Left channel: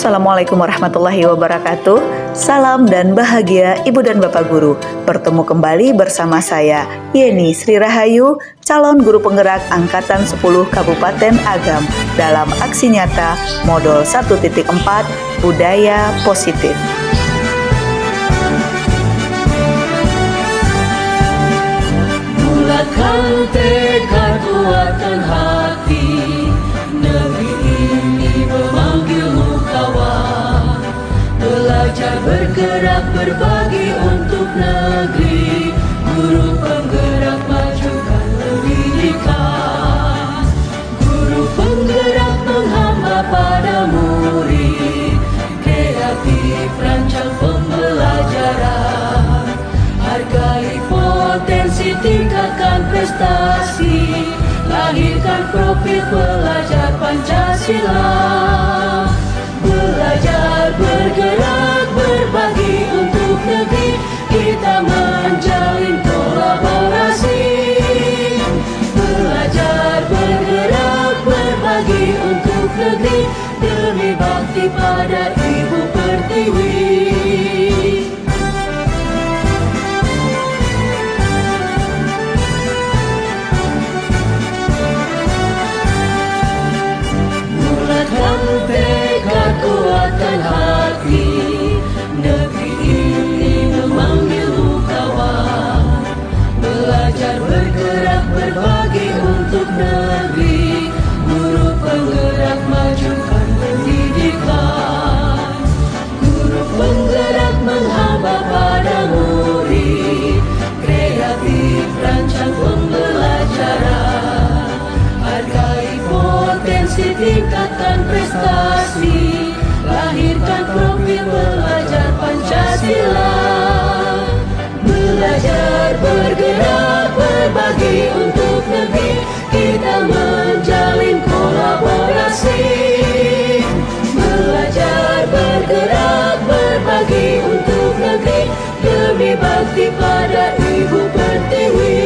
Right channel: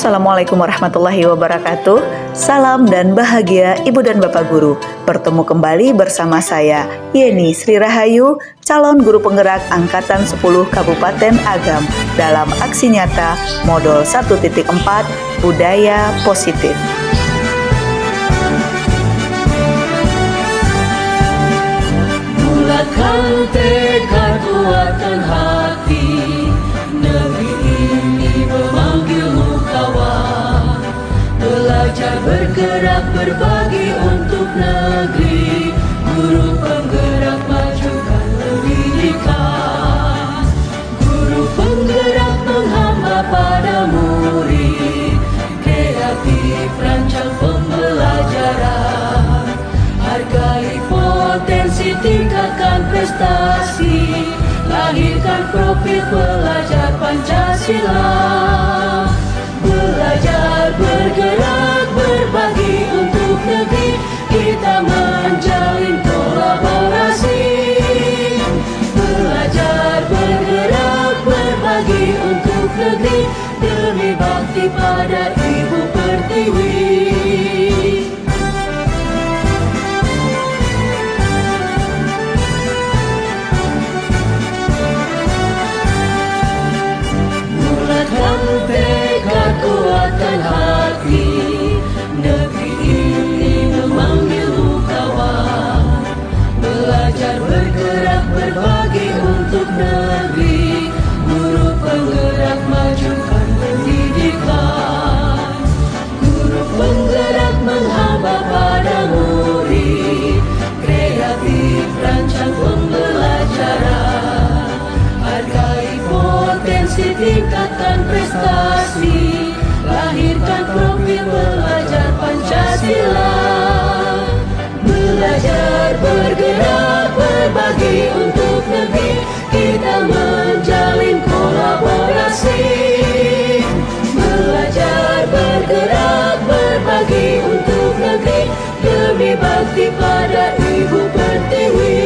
Assalamualaikum warahmatullahi wabarakatuh. Salam dan bahagia Ibu dan Bapak Guru. Bertemu kembali bersama saya, Yeni Sri Rahayu, calon guru penggerak Angkatan 10 Kabupaten Agam dalam aksi nyata Modul 1.4 Budaya Positif. Bulatkan tekad, kuatkan hati, negeri ini memanggilmu kawan. Belajar, bergerak, berbagi untuk negeri, guru penggerak majukan pendidikan. Guru penggerak menghamba pada murid, kreatif rancang pembelajaran. Hargai potensi, tingkatkan prestasi, lahirkan profil pelajar Pancasila. Belajar, bergerak, berbagi untuk negeri, kita menjalin kolaborasi. Belajar, bergerak, berbagi untuk negeri, demi bakti pada Ibu Pertiwi. Tekad, kuatkan hati, negeri ini memanggilmu kawan. Belajar, bergerak, berbagi untuk negeri, guru penggerak majukan pendidikan. Guru penggerak menghamba pada murid, kreatif rancang pembelajaran. Hargai potensi, tingkatkan prestasi, lahirkan profil pelajar Pancasila. Belajar, bergerak, berbagi untuk negeri, kita menjalin kolaborasi. Belajar, bergerak, berbagi untuk negeri, demi bakti pada Ibu Pertiwi.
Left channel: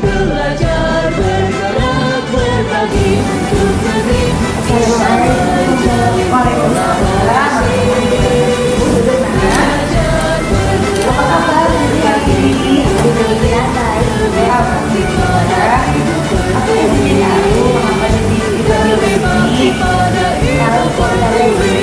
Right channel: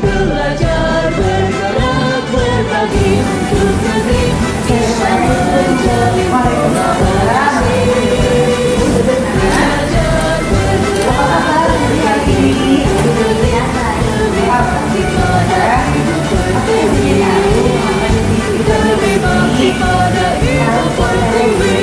Belajar, bergerak, berbagi untuk negeri, kita menjalin kolaborasi. Belajar, bergerak, berbagi untuk negeri, demi bakti pada Ibu Pertiwi. Demi bakti pada Ibu Pertiwi.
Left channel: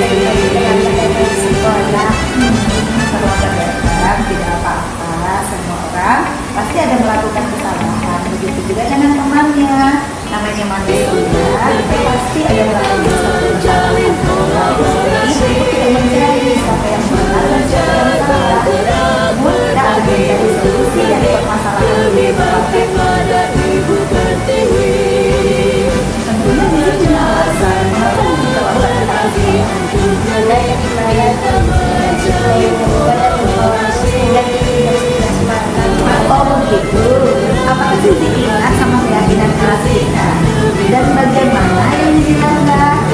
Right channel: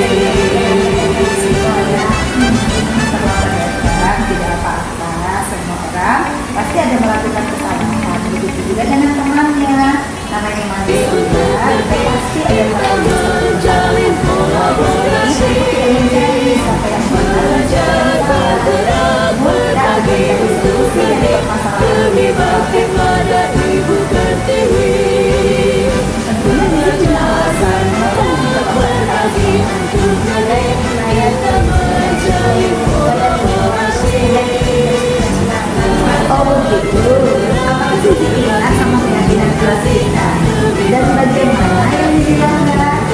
Tidak apa-apa, semua orang pasti ada melakukan kesalahan. Begitu juga dengan temannya, namanya manusia, kita pasti ada melakukan menjalin kolaborasi. Siapa yang Belajar, bergerak, berbagi untuk negeri, demi bakti pada Ibu Pertiwi. Belajar, bergerak, berbagi untuk negeri, kita menjalin kolaborasi. Oh begitu, apakah Susi ingat sama keyakinan kita? Dan bagaimana yang dilanggar?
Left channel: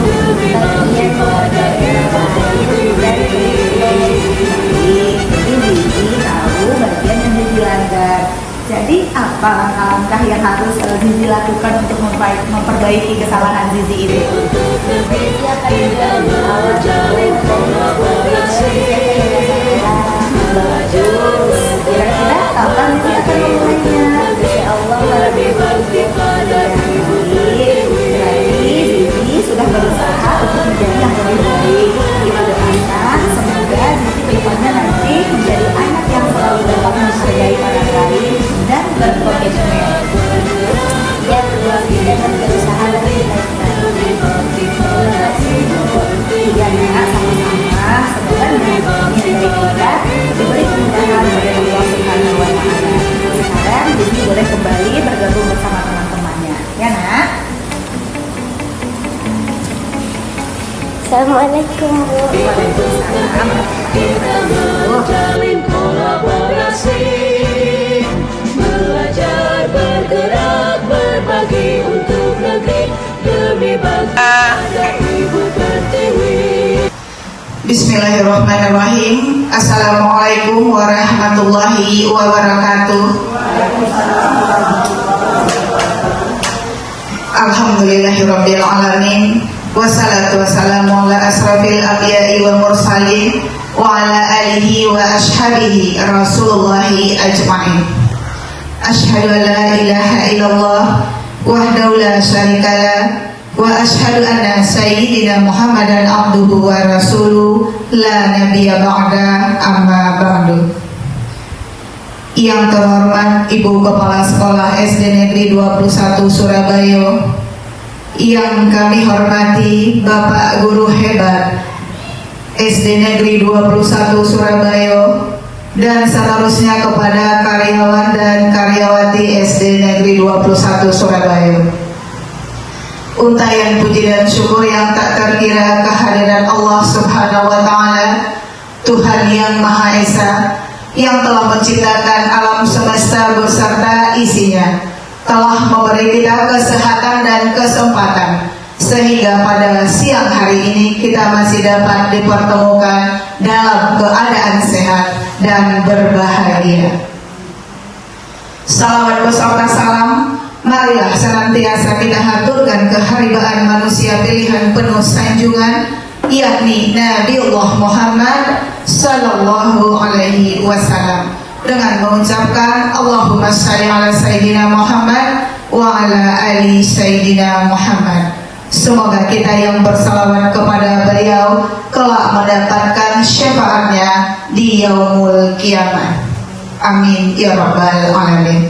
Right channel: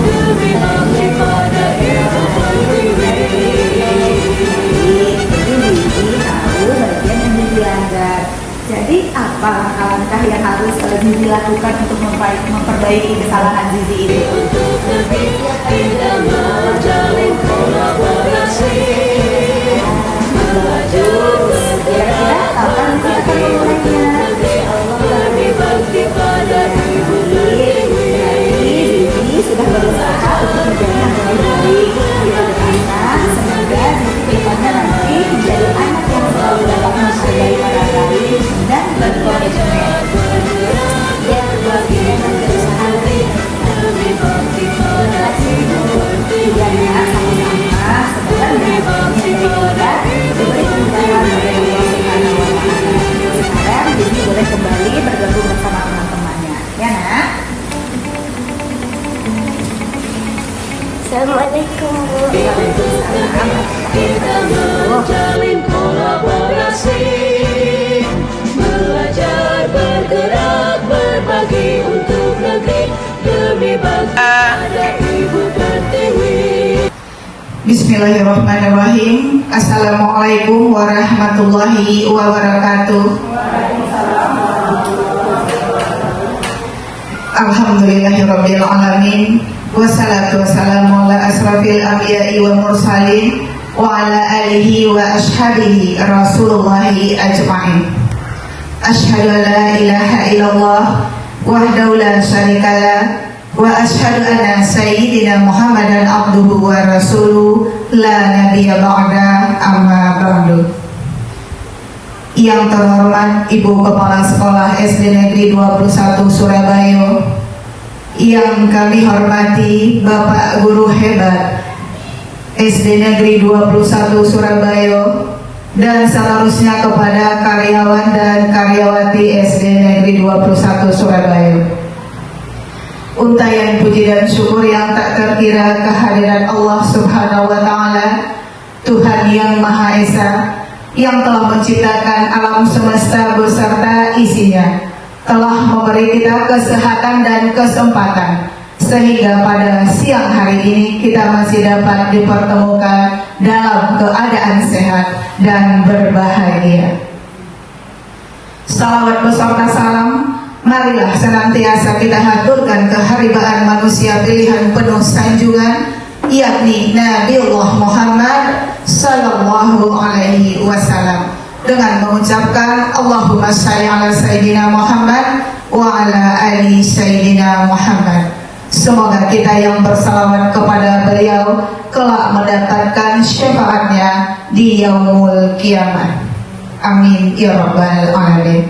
Demi bakti pada Ibu Pertiwi. Jadi tahu bagian yang dilanggar. Jadi apa langkah-langkah yang harus Zizi lakukan untuk memperbaiki kesalahan Zizi itu? Untuk negeri, kita menjalin kolaborasi. Belajar, Kira-kira kapan Zizi akan memulainya? demi bakti pada Ibu Pertiwi. Zizi sudah berusaha untuk menjadi yang lebih baik. Kita doakan semoga Zizi kedepannya nanti menjadi anak yang selalu dapat menghargai orang lain dan berkomitmen. Dan kebahagiaan dan kesusahan Demi bakti pada Ibu Pertiwi. ya sama-sama. Semoga dengan kita diberi kemudahan oleh Allah Subhanahu wa Ta'ala. Sekarang Zizi boleh kembali bergabung bersama teman-temannya, ya nak? Assalamualaikum Waalaikumsalam. Kita menjalin kolaborasi. Belajar, bergerak, berbagi untuk negeri, demi bakti pada Ibu Pertiwi. Bismillahirrahmanirrahim. Assalamualaikum warahmatullahi wabarakatuh. Alhamdulillahirabbil alamin. Wassalatu wassalamu ala asrafil anbiya'i wa mursalin wa ala alihi wa ashabihi Rasulullahi ajma'in. Asyhadu an la ilaha illallah wahdahu la syarikalah wa asyhadu anna sayyidina Muhammadan abduhu wa rasuluh la nabiyya ba'da, amma ba'du. Yang terhormat Ibu Kepala Sekolah SD Negeri 21 Surabaya, yang kami hormati Bapak Guru Hebat SD Negeri 21 Surabaya, dan seterusnya kepada karyawan dan karyawati SD Negeri 21 Surabaya. Untayan puji dan syukur yang tak terkira kehadiran Allah Subhanahu wa Ta'ala, Tuhan yang Maha Esa, yang telah menciptakan alam semesta beserta isinya, telah memberi kita kesehatan dan kesempatan sehingga pada siang hari ini kita masih dapat dipertemukan dalam keadaan sehat dan berbahagia. Salawat beserta salam marilah senantiasa kita haturkan keharibaan manusia pilihan penuh sanjungan, yakni Nabiullah Muhammad sallallahu alaihi wasallam, dengan mengucapkan Allahumma shalli ala Sayyidina Muhammad wa ala ali Sayyidina Muhammad. Semoga kita yang bersalawat kepada beliau kelak mendapatkan syafaatnya di yaumul kiamah. Amin ya rabbal alamin.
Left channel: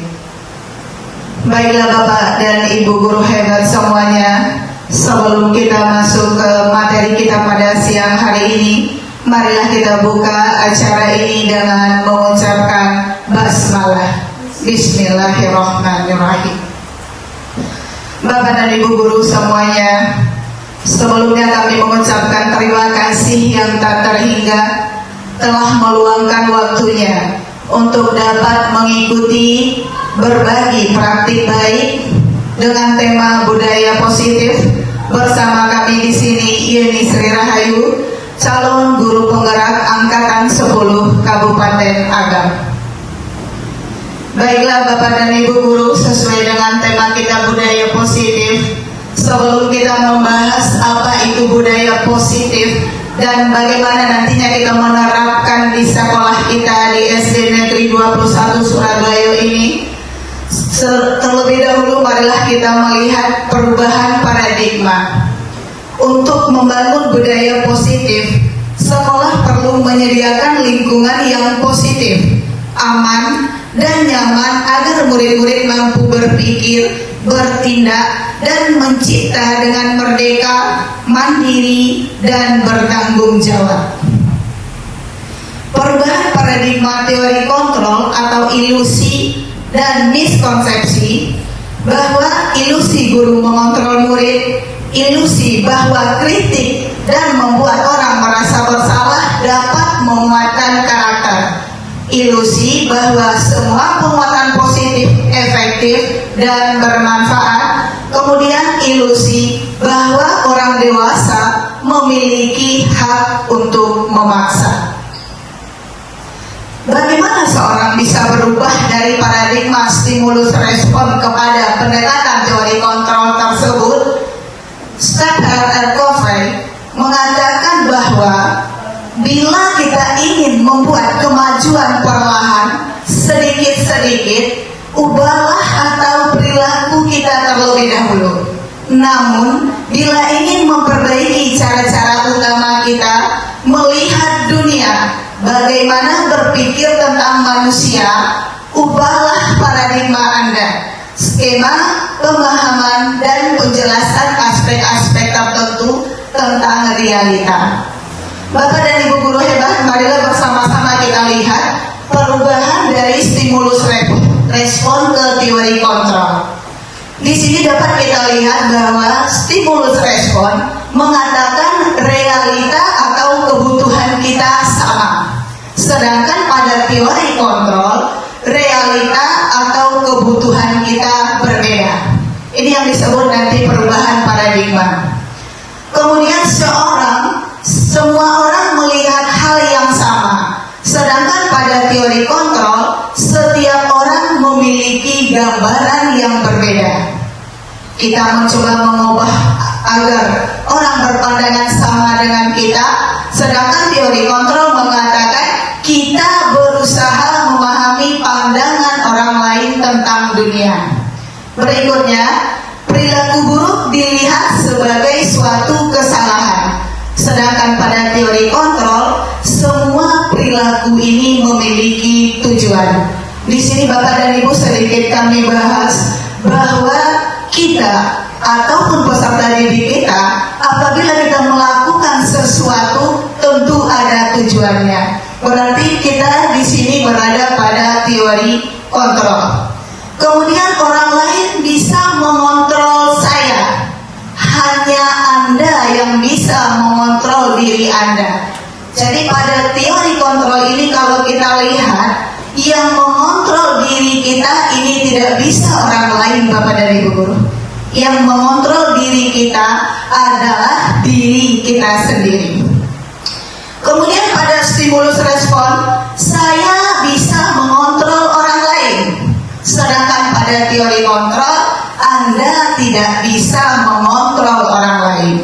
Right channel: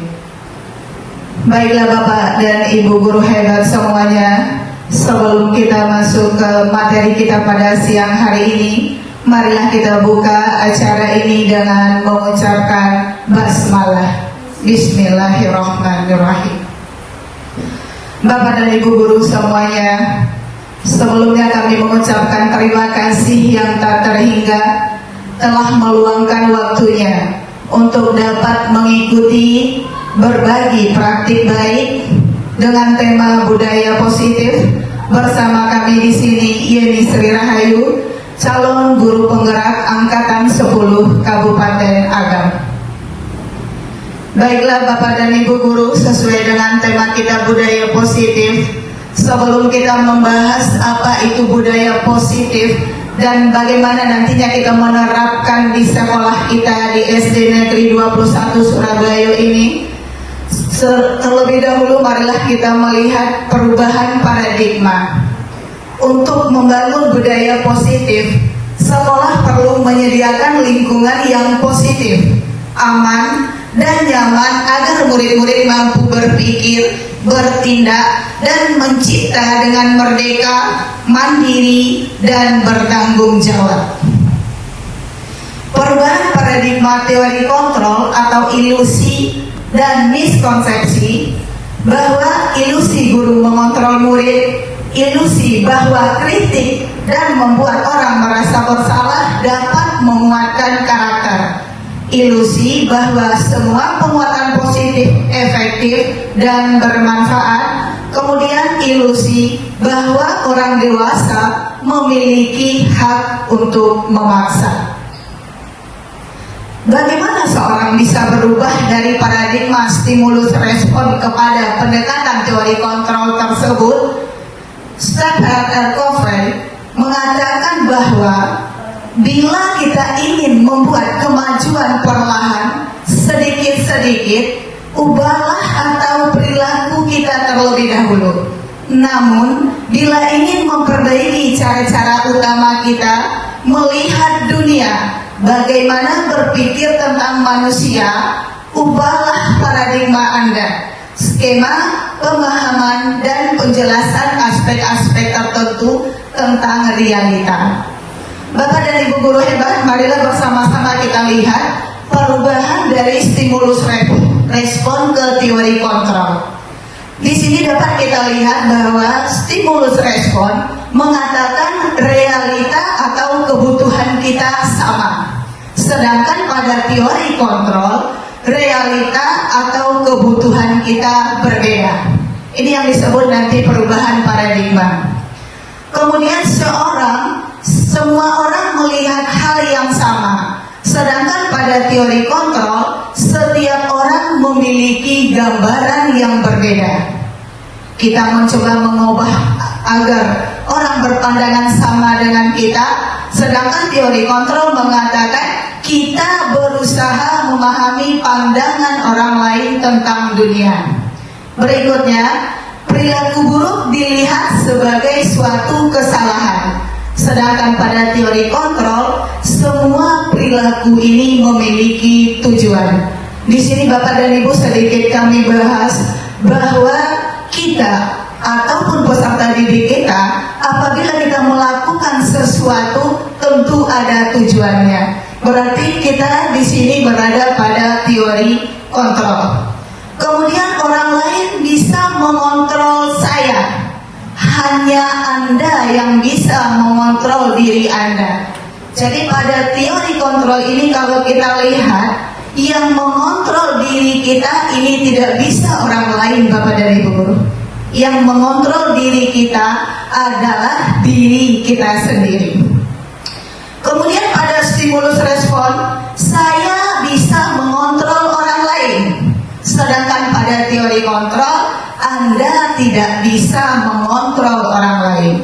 Baiklah Bapak dan Ibu guru hebat semuanya, sebelum kita masuk ke materi kita pada siang hari ini, marilah kita buka acara ini dengan mengucapkan basmalah. Bismillahirrahmanirrahim. Bapak dan Ibu guru semuanya, sebelumnya kami mengucapkan terima kasih yang tak terhingga telah meluangkan waktunya untuk dapat mengikuti berbagi praktik baik dengan tema budaya positif bersama kami di sini, Yeni Sri Rahayu, calon guru penggerak angkatan 10 Kabupaten Agam. Baiklah Bapak dan Ibu guru, sesuai dengan tema kita budaya positif, sebelum kita membahas apa itu budaya positif dan bagaimana nantinya kita menerapkan di sekolah kita di SD Negeri 21 Surabaya ini, terlebih dahulu marilah kita melihat perubahan paradigma. Untuk membangun budaya positif, sekolah perlu menyediakan lingkungan yang positif, aman, dan nyaman agar murid-murid mampu berpikir, bertindak, dan mencipta dengan merdeka, mandiri, dan bertanggung jawab. Perubahan paradigma teori kontrol atau ilusi dan miskonsepsi bahwa ilusi guru mengontrol murid, ilusi bahwa kritik dan membuat orang merasa bersalah dapat menguatkan karakter, ilusi bahwa semua penguatan positif efektif dan bermanfaat, kemudian ilusi bahwa orang dewasa memiliki hak untuk memaksa. Bagaimana seorang bisa berubah dari paradigma stimulus respon kepada pendekatan teori kontrol tersebut? Stadler R. Covey mengatakan bahwa bila kita ingin membuat kemajuan perlahan, sedikit-sedikit, ubahlah atau perilaku kita terlebih dahulu. Namun, bila ingin memperbaiki cara-cara utama kita melihat dunia, bagaimana berpikir tentang manusia, ubahlah paradigma Anda. Skema, pemahaman, dan penjelasan aspek-aspek tertentu tentang realita. Bapak dan Ibu guru hebat, marilah bersama-sama kita lihat perubahan dari stimulus respon ke teori kontrol. Di sini dapat kita lihat bahwa stimulus respon mengatakan realita atau kebutuhan kita sama. Sedangkan pada teori kontrol, realita atau kebutuhan kita berbeda. Ini yang disebut nanti perubahan paradigma. Kemudian semua orang melihat hal yang sama. Sedangkan pada teori kontrol, setiap orang memiliki gambaran yang berbeda. Kita mencoba mengubah agar orang berpandangan sama dengan kita, sedangkan teori kontrol mengatakan kita berusaha memahami pandangan orang lain tentang dunia. Berikutnya, perilaku buruk dilihat sebagai suatu kesalahan, sedangkan pada teori kontrol semua perilaku ini memiliki tujuan. Di sini Bapak dan Ibu sedikit kami bahas bahwa kita ataupun peserta didik kita, apabila kita melakukan sesuatu tentu ada tujuannya. Berarti kita di sini berada pada teori kontrol. Kemudian orang lain bisa mengontrol saya, hanya Anda yang bisa mengontrol diri Anda. Jadi pada teori kontrol ini kalau kita lihat, yang mengontrol diri kita ini tidak bisa orang lain, Bapak dan Ibu guru. Yang mengontrol diri kita adalah diri kita sendiri. Kemudian pada stimulus respon, saya bisa mengontrol orang lain. Sedangkan pada teori kontrol, Anda tidak bisa mengontrol orang lain.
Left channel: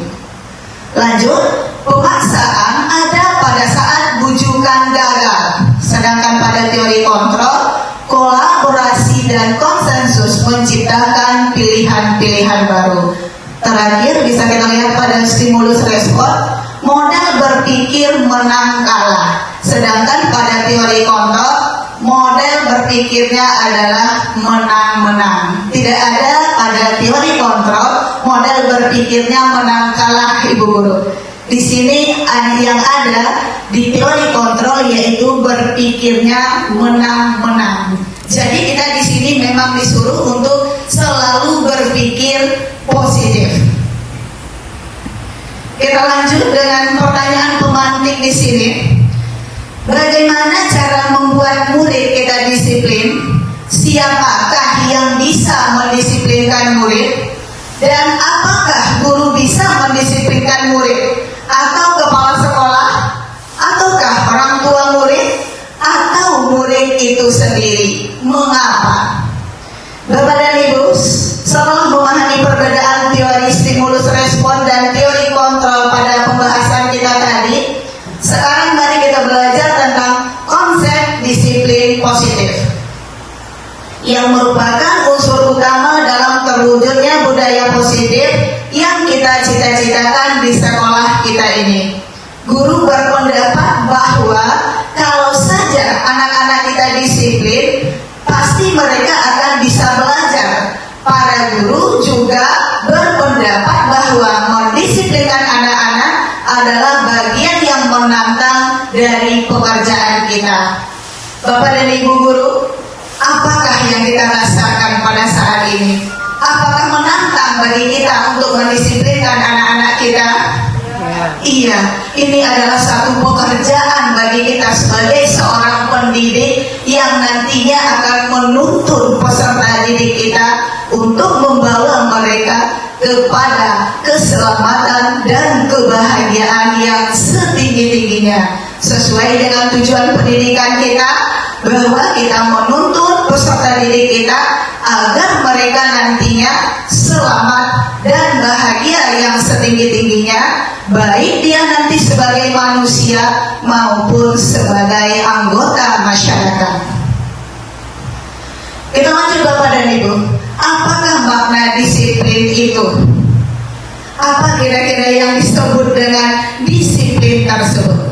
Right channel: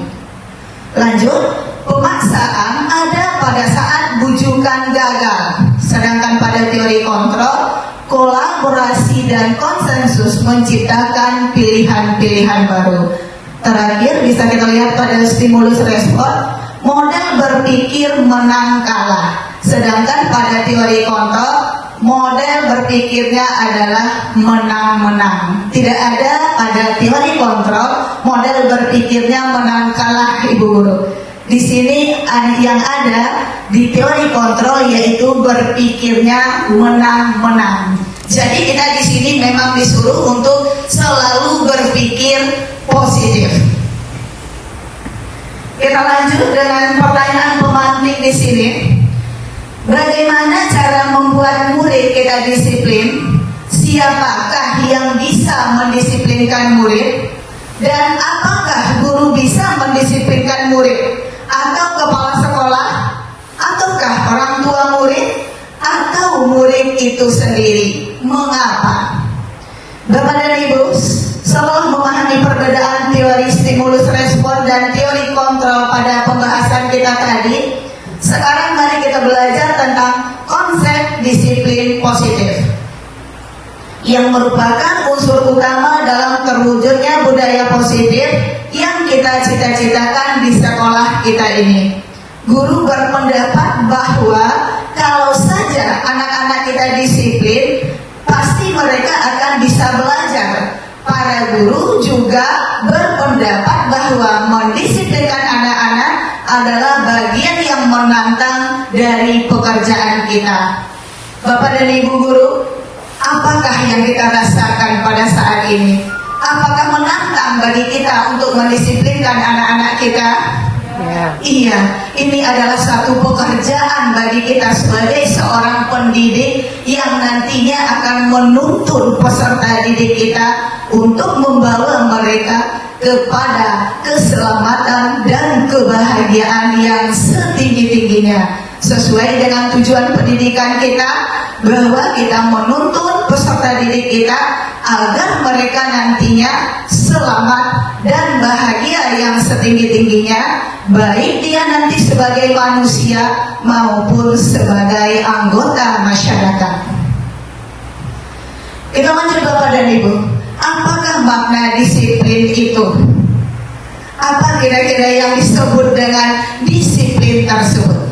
Lanjut, pemaksaan ada pada saat bujukan gagal. Sedangkan pada teori kontrol, kolaborasi dan konsensus menciptakan pilihan-pilihan baru. Terakhir bisa kita lihat pada stimulus respon, model berpikir menang kalah. Sedangkan pada teori kontrol, model berpikirnya adalah menang-menang. Tidak ada pada teori kontrol model berpikirnya menang kalah, Ibu guru. Di sini yang ada di teori kontrol yaitu berpikirnya menang-menang. Jadi kita di sini memang disuruh untuk selalu berpikir positif. Kita lanjut dengan pertanyaan pemantik di sini. Bagaimana cara membuat murid kita disiplin? Siapakah yang bisa mendisiplinkan murid? Dan apakah guru bisa mendisiplinkan murid? Atau kepala sekolah? Ataukah orang tua murid? Atau murid itu sendiri? Mengapa? Bapak dan Ibu, setelah memahami perbedaan teori stimulus respon dan teori kontrol pada pembahasan kita tadi, sekarang mari kita belajar tentang konsep disiplin positif yang merupakan unsur utama dalam terwujudnya budaya positif yang kita cita-citakan di sekolah kita ini. Guru berpendapat bahwa kalau saja anak-anak kita disiplin, pasti mereka akan bisa belajar. Para guru juga berpendapat bahwa mendisiplinkan anak-anak adalah bagian yang menantang dari pekerjaan kita. Bapak dan Ibu guru, apakah yang kita rasakan pada saat ini? Apakah menantang bagi kita untuk mendisiplinkan anak-anak kita? Iya, ini adalah satu pekerjaan bagi kita sebagai seorang pendidik yang nantinya akan menuntun peserta didik kita untuk membawa mereka kepada keselamatan dan kebahagiaan yang setinggi-tingginya, sesuai dengan tujuan pendidikan kita, bahwa kita menuntun peserta didik kita agar mereka nantinya selamat dan bahagia yang setinggi-tingginya, baik dia nanti sebagai manusia maupun sebagai anggota masyarakat. Kita lanjut Bapak dan Ibu, apakah makna disiplin itu? Apa kira-kira yang disebut dengan disiplin tersebut?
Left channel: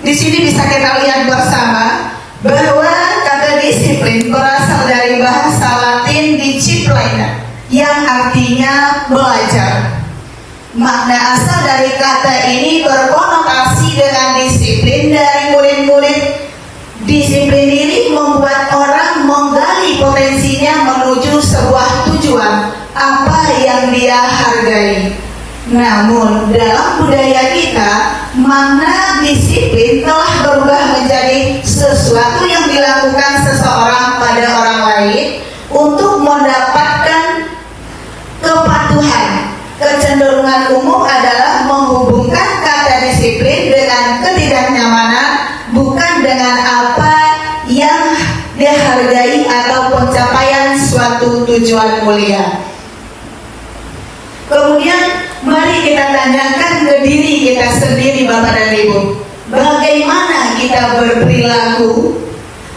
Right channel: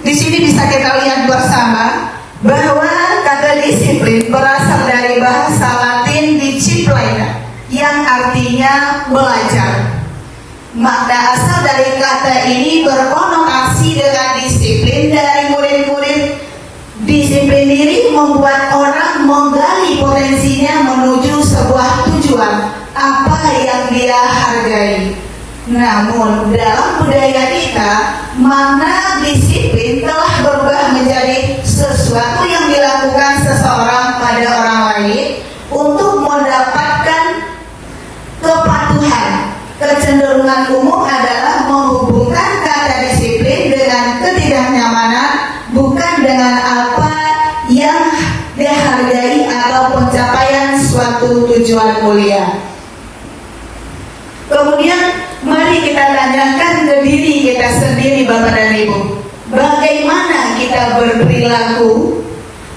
Di sini bisa kita lihat bersama bahwa kata disiplin berasal dari bahasa Latin disciplina yang artinya belajar. Makna asal dari kata ini berkonotasi dengan disiplin dari murid-murid. Disiplin ini membuat orang menggali potensinya menuju sebuah tujuan apa yang dia hargai. Namun dalam budaya kita, makna disiplin telah berubah menjadi sesuatu yang dilakukan seseorang pada orang lain untuk mendapatkan kepatuhan. Kecenderungan umum adalah menghubungkan kata disiplin dengan ketidaknyamanan, bukan dengan apa yang dihargai atau pencapaian suatu tujuan mulia. Kemudian Mari kita tanyakan ke diri kita sendiri, Bapak dan Ibu, bagaimana kita berperilaku,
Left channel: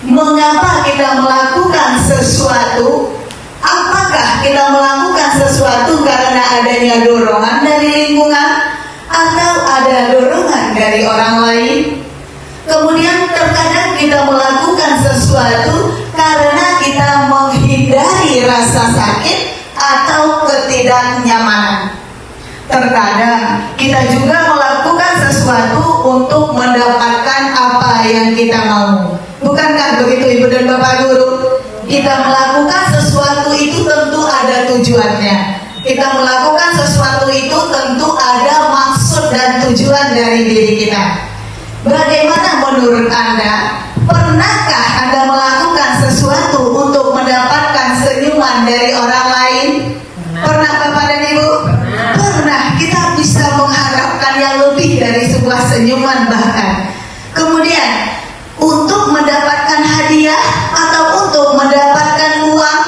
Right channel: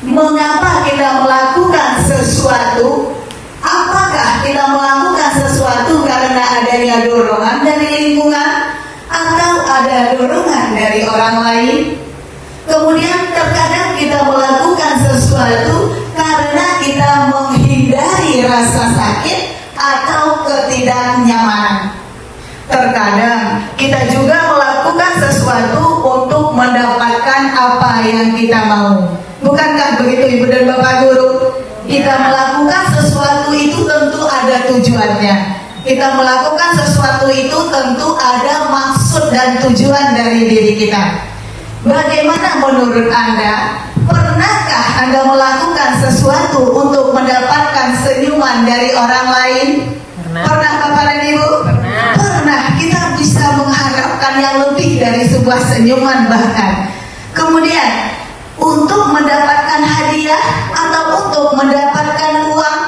mengapa kita melakukan sesuatu, apakah kita melakukan sesuatu karena adanya dorongan dari lingkungan atau ada dorongan dari orang lain. Kemudian terkadang kita melakukan sesuatu karena kita menghindari rasa sakit atau ketidaknyamanan. Terkadang kita juga melakukan sesuatu untuk mendapatkan apa yang kita mau. Bukankah begitu Ibu dan Bapak Guru? Kita melakukan sesuatu itu tentu ada tujuannya. Kita melakukan sesuatu itu tentu ada maksud dan tujuan dari diri kita. Bagaimana menurut Anda? Pernahkah Anda melakukan sesuatu untuk mendapatkan senyuman dari orang lain? Pernah Bapak dan Ibu? Pernah. Kita bisa mengharapkan yang lebih dari sebuah senyuman bahkan. Kemudian untuk mendapatkan hadiah atau untuk mendapatkan uang.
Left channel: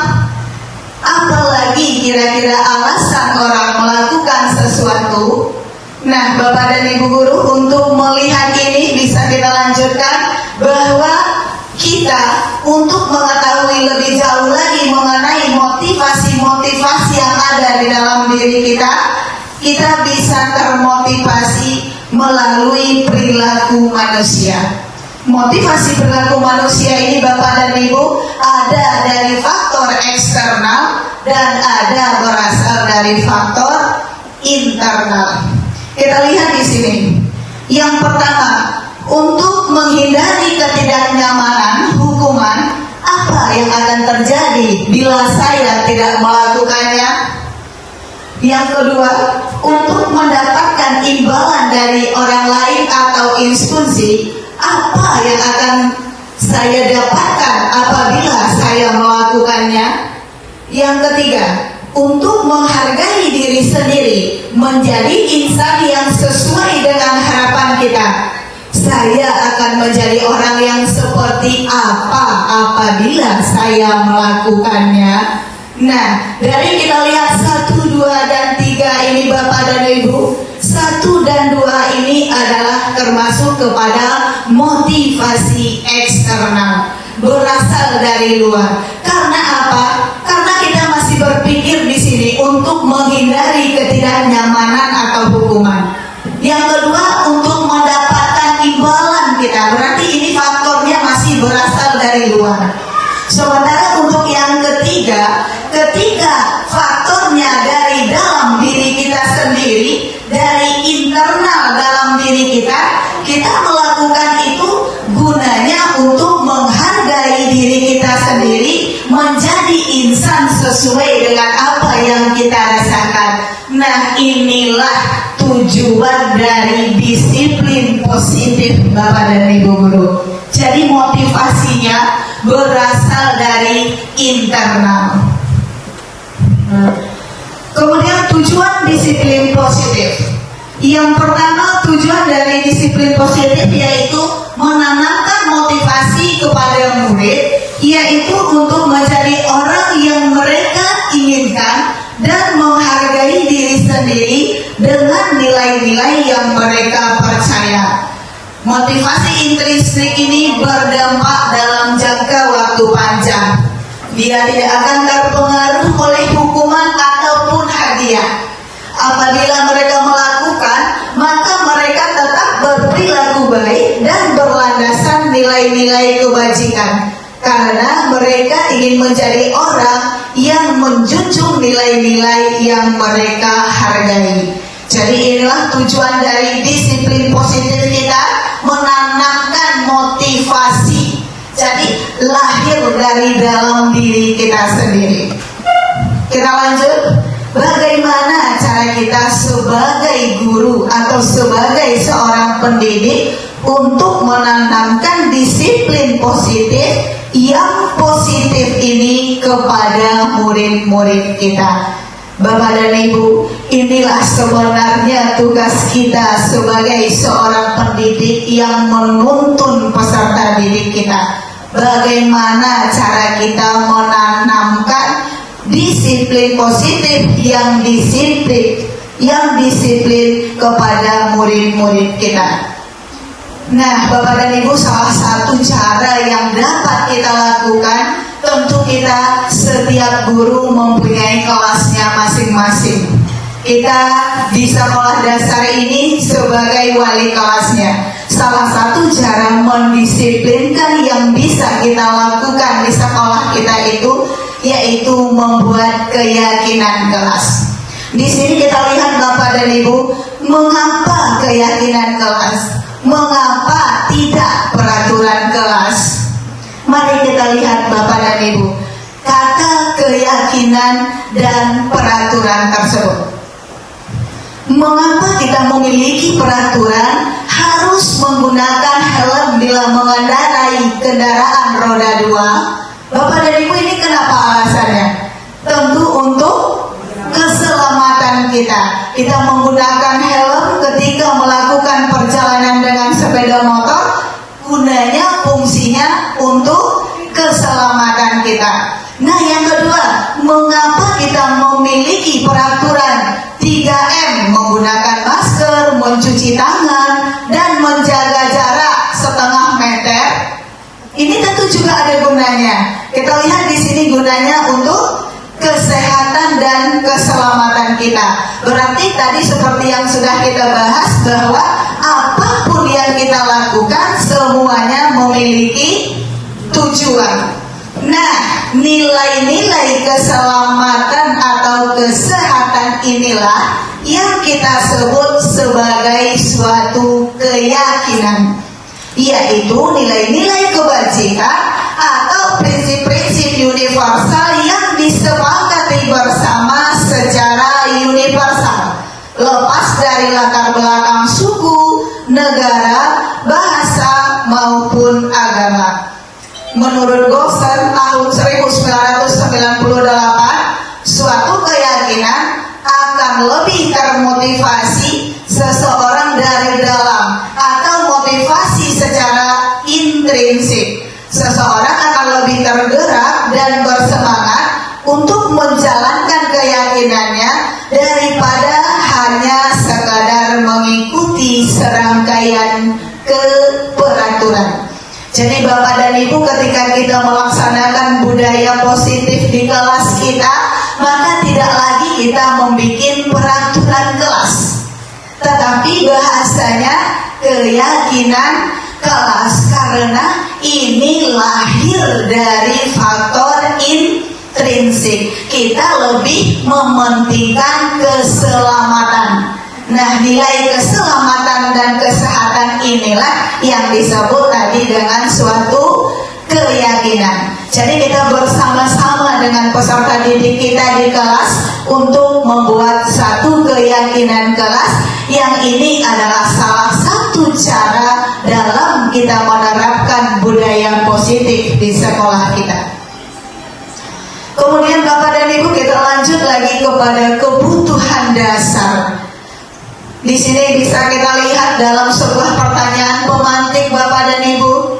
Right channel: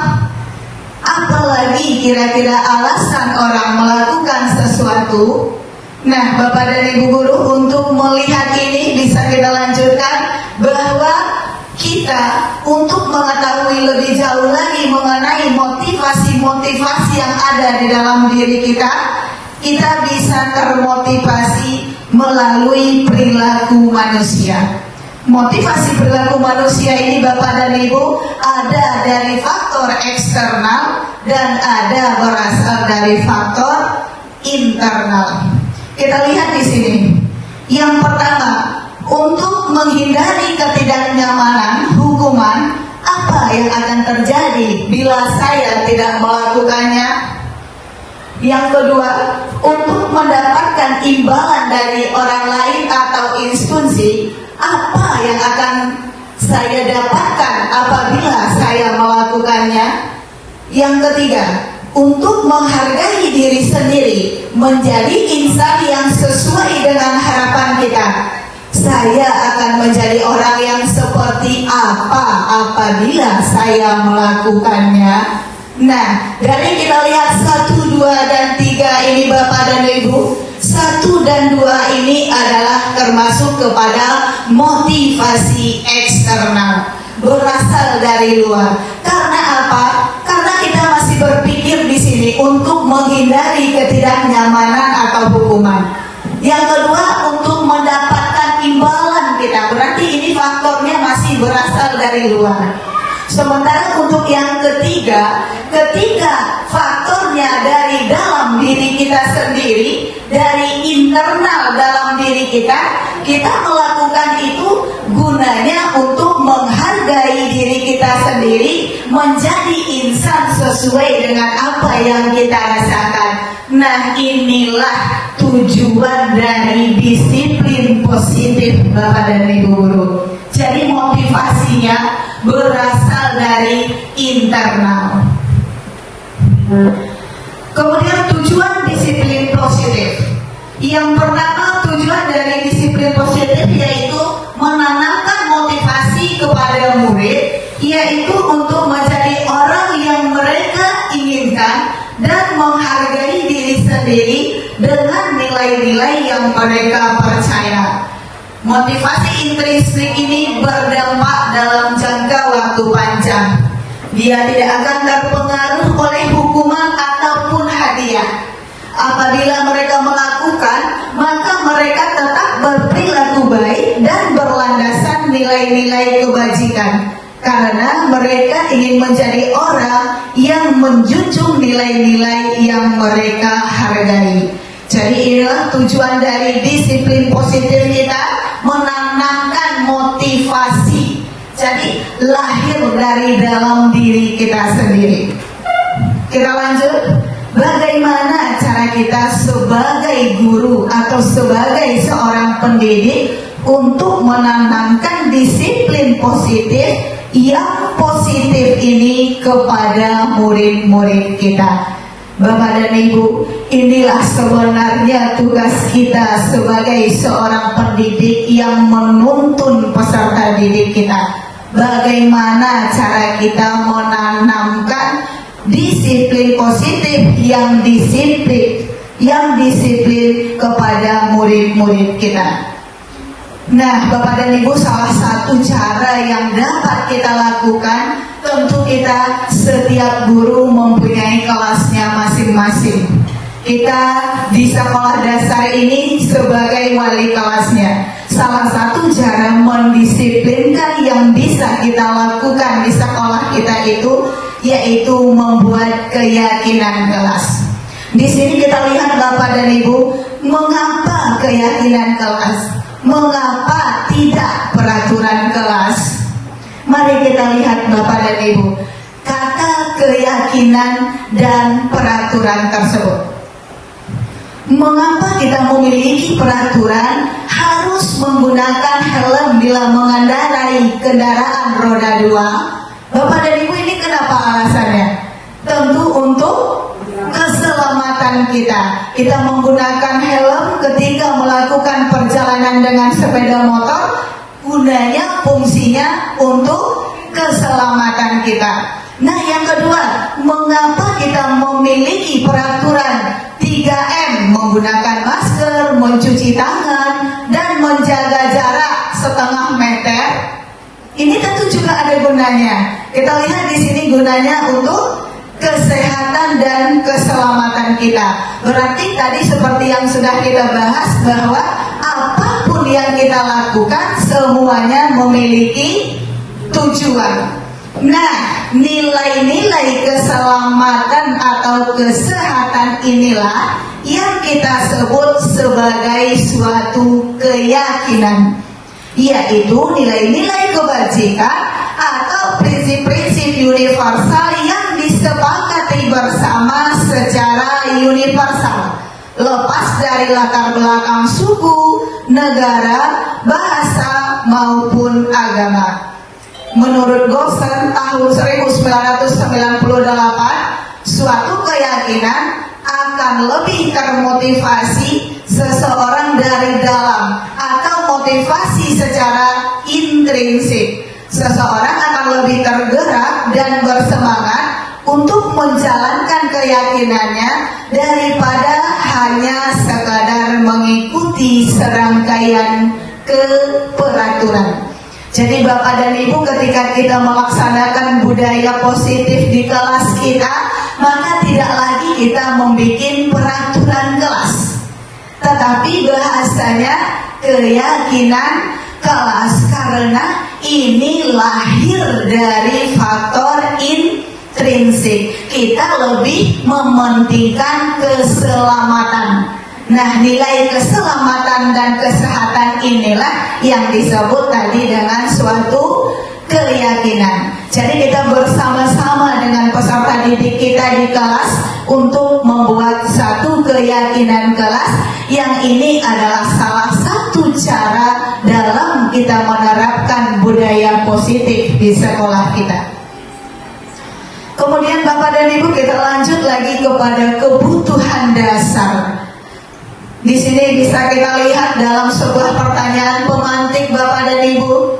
Apalagi kira-kira alasan orang melakukan sesuatu. Nah, Bapak dan Ibu Guru, untuk melihat ini bisa kita lanjutkan bahwa kita untuk mengetahui lebih jauh lagi mengenai motivasi-motivasi yang ada di dalam diri kita bisa termotivasi melalui perilaku manusia. Motivasi perilaku manusia ini, Bapak dan Ibu, ada dari faktor eksternal dan ada berasal dari faktor internal. Kita lihat di sini. Yang pertama, untuk menghindari ketidaknyamanan hukuman, apa yang akan terjadi bila saya tidak melakukannya? Yang kedua, untuk mendapatkan imbalan dari orang lain atau instansi, apa yang akan saya dapatkan apabila saya melakukannya? Yang ketiga, untuk menghargai diri sendiri, menjadi insan yang sesuai dengan harapan kita. Saya akan menjadi orang yang seperti apa apabila saya melakukannya. Nah, dari kita lihat 1, 2, dan 3 ini Bapak dan Ibu, 1 dan 2 ini adalah termasuk kepada motivasi eksternal, berasal dari luar. Karena apa? Karena kita masih berpikir di sini untuk menghindari ketidaknyamanan atau hukuman. Yang kedua, untuk mendapatkan imbalan kita. Berarti ini faktornya masih berasal dari luar. Sementara untuk yang ketiga, ketika faktornya dari dalam diri kita sendiri, dari internal dalam diri kita melakukan itu gunanya untuk menghargai diri kita sendiri, menjadi insan sesuai dengan apa yang kita rasakan. Nah, inilah tujuan dari disiplin positif Bapak dan Ibu Guru. Jadi motivasinya berasal dari internal. Kemudian tujuan disiplin positif. Yang pertama, tujuan dari disiplin positif yaitu menanamkan motivasi kepada murid, yaitu untuk menjadi orang yang mereka inginkan dan menghargai diri sendiri dengan nilai-nilai yang mereka percaya. Motivasi intrinsik ini berdampak dalam jangka waktu panjang. Dia tidak akan terpengaruh oleh hukuman ataupun hadiah. Apabila mereka melakukan, maka mereka tetap berperilaku baik dan berlandasan nilai-nilai kebajikan. Karena mereka ingin menjadi orang yang menjunjung nilai-nilai yang mereka hargai. Jadi inilah tujuan dari disiplin positif kita, menanamkan motivasi. Jadi lahir dari dalam diri kita sendiri. Kita lanjut. Bagaimana cara kita sebagai guru atau sebagai seorang pendidik untuk menanamkan disiplin positif yang positif ini kepada murid-murid kita? Bapak dan Ibu, inilah sebenarnya tugas kita sebagai seorang pendidik yang menuntun peserta didik kita. Bagaimana cara kita menanamkan disiplin positif yang disiplin yang disiplin kepada murid-murid kita. Nah, Bapak dan Ibu, salah satu cara yang dapat kita lakukan, tentu kita setiap guru mempunyai kelasnya masing-masing. Kita di sekolah dasar ini sebagai wali kelasnya. Salah satu cara mendisiplinkan yang bisa kita lakukan di sekolah kita itu yaitu membuat keyakinan kelas. Di sini kita lihat Bapak dan Ibu, mengapa keyakinan kelas? Mengapa tidak peraturan kelas? Mari kita lihat Bapak dan Ibu, kata keyakinan dan peraturan tersebut. Mengapa kita memiliki peraturan harus menggunakan helm bila mengendarai kendaraan roda 2? Bapak dan Ibu, ini kenapa alasannya? Tentu untuk keselamatan kita. Kita menggunakan helm ketika melakukan perjalanan dengan sepeda motor, gunanya, fungsinya untuk keselamatan kita. Nah, yang kedua, mengapa kita memiliki peraturan 3M, menggunakan masker, mencuci tangan, dan menjaga jarak setengah meter? Ini tentu juga ada gunanya. Kita lihat di sini gunanya untuk kesehatan dan keselamatan kita. Berarti tadi seperti yang sudah kita bahas bahwa apapun yang kita lakukan semuanya memiliki tujuan. Nah, nilai-nilai keselamatan atau kesehatan inilah yang kita sebut sebagai suatu keyakinan, yaitu nilai-nilai kebajikan atau prinsip-prinsip universal yang disepakati bersama secara universal, lepas dari latar belakang suku, negara, bahasa, maupun agama. Menurut Goshen tahun 1998, suatu keyakinan akan lebih termotivasi seseorang dari dalam atau motivasi secara intrinsik. Seseorang akan lebih tergerak dan bersemangat untuk menjalankan keyakinannya daripada hanya sekadar mengikuti serangkaian keperaturan. Jadi Bapak dan Ibu, ketika kita melaksanakan budaya positif di kelas kita, maka tidak lagi kita membuat peraturan kelas, tetapi bahasanya keyakinan kelas, karena ini lahir dari faktor intrinsik. Kita lebih mementingkan keselamatan. Nah, nilai keselamatan dan kesehatan inilah yang disebut tadi dengan suatu keyakinan. Jadi kita bersama-sama dengan peserta didik kita di kelas untuk membuat satu keyakinan kelas, yang ini adalah salah satu cara dalam kita menerapkan budaya positif di sekolah kita. Kemudian Bapak dan Ibu, kita lanjut lagi kepada kebutuhan dasar. Di sini bisa kita lihat dalam sebuah pertanyaan pemantik Bapak dan Ibu.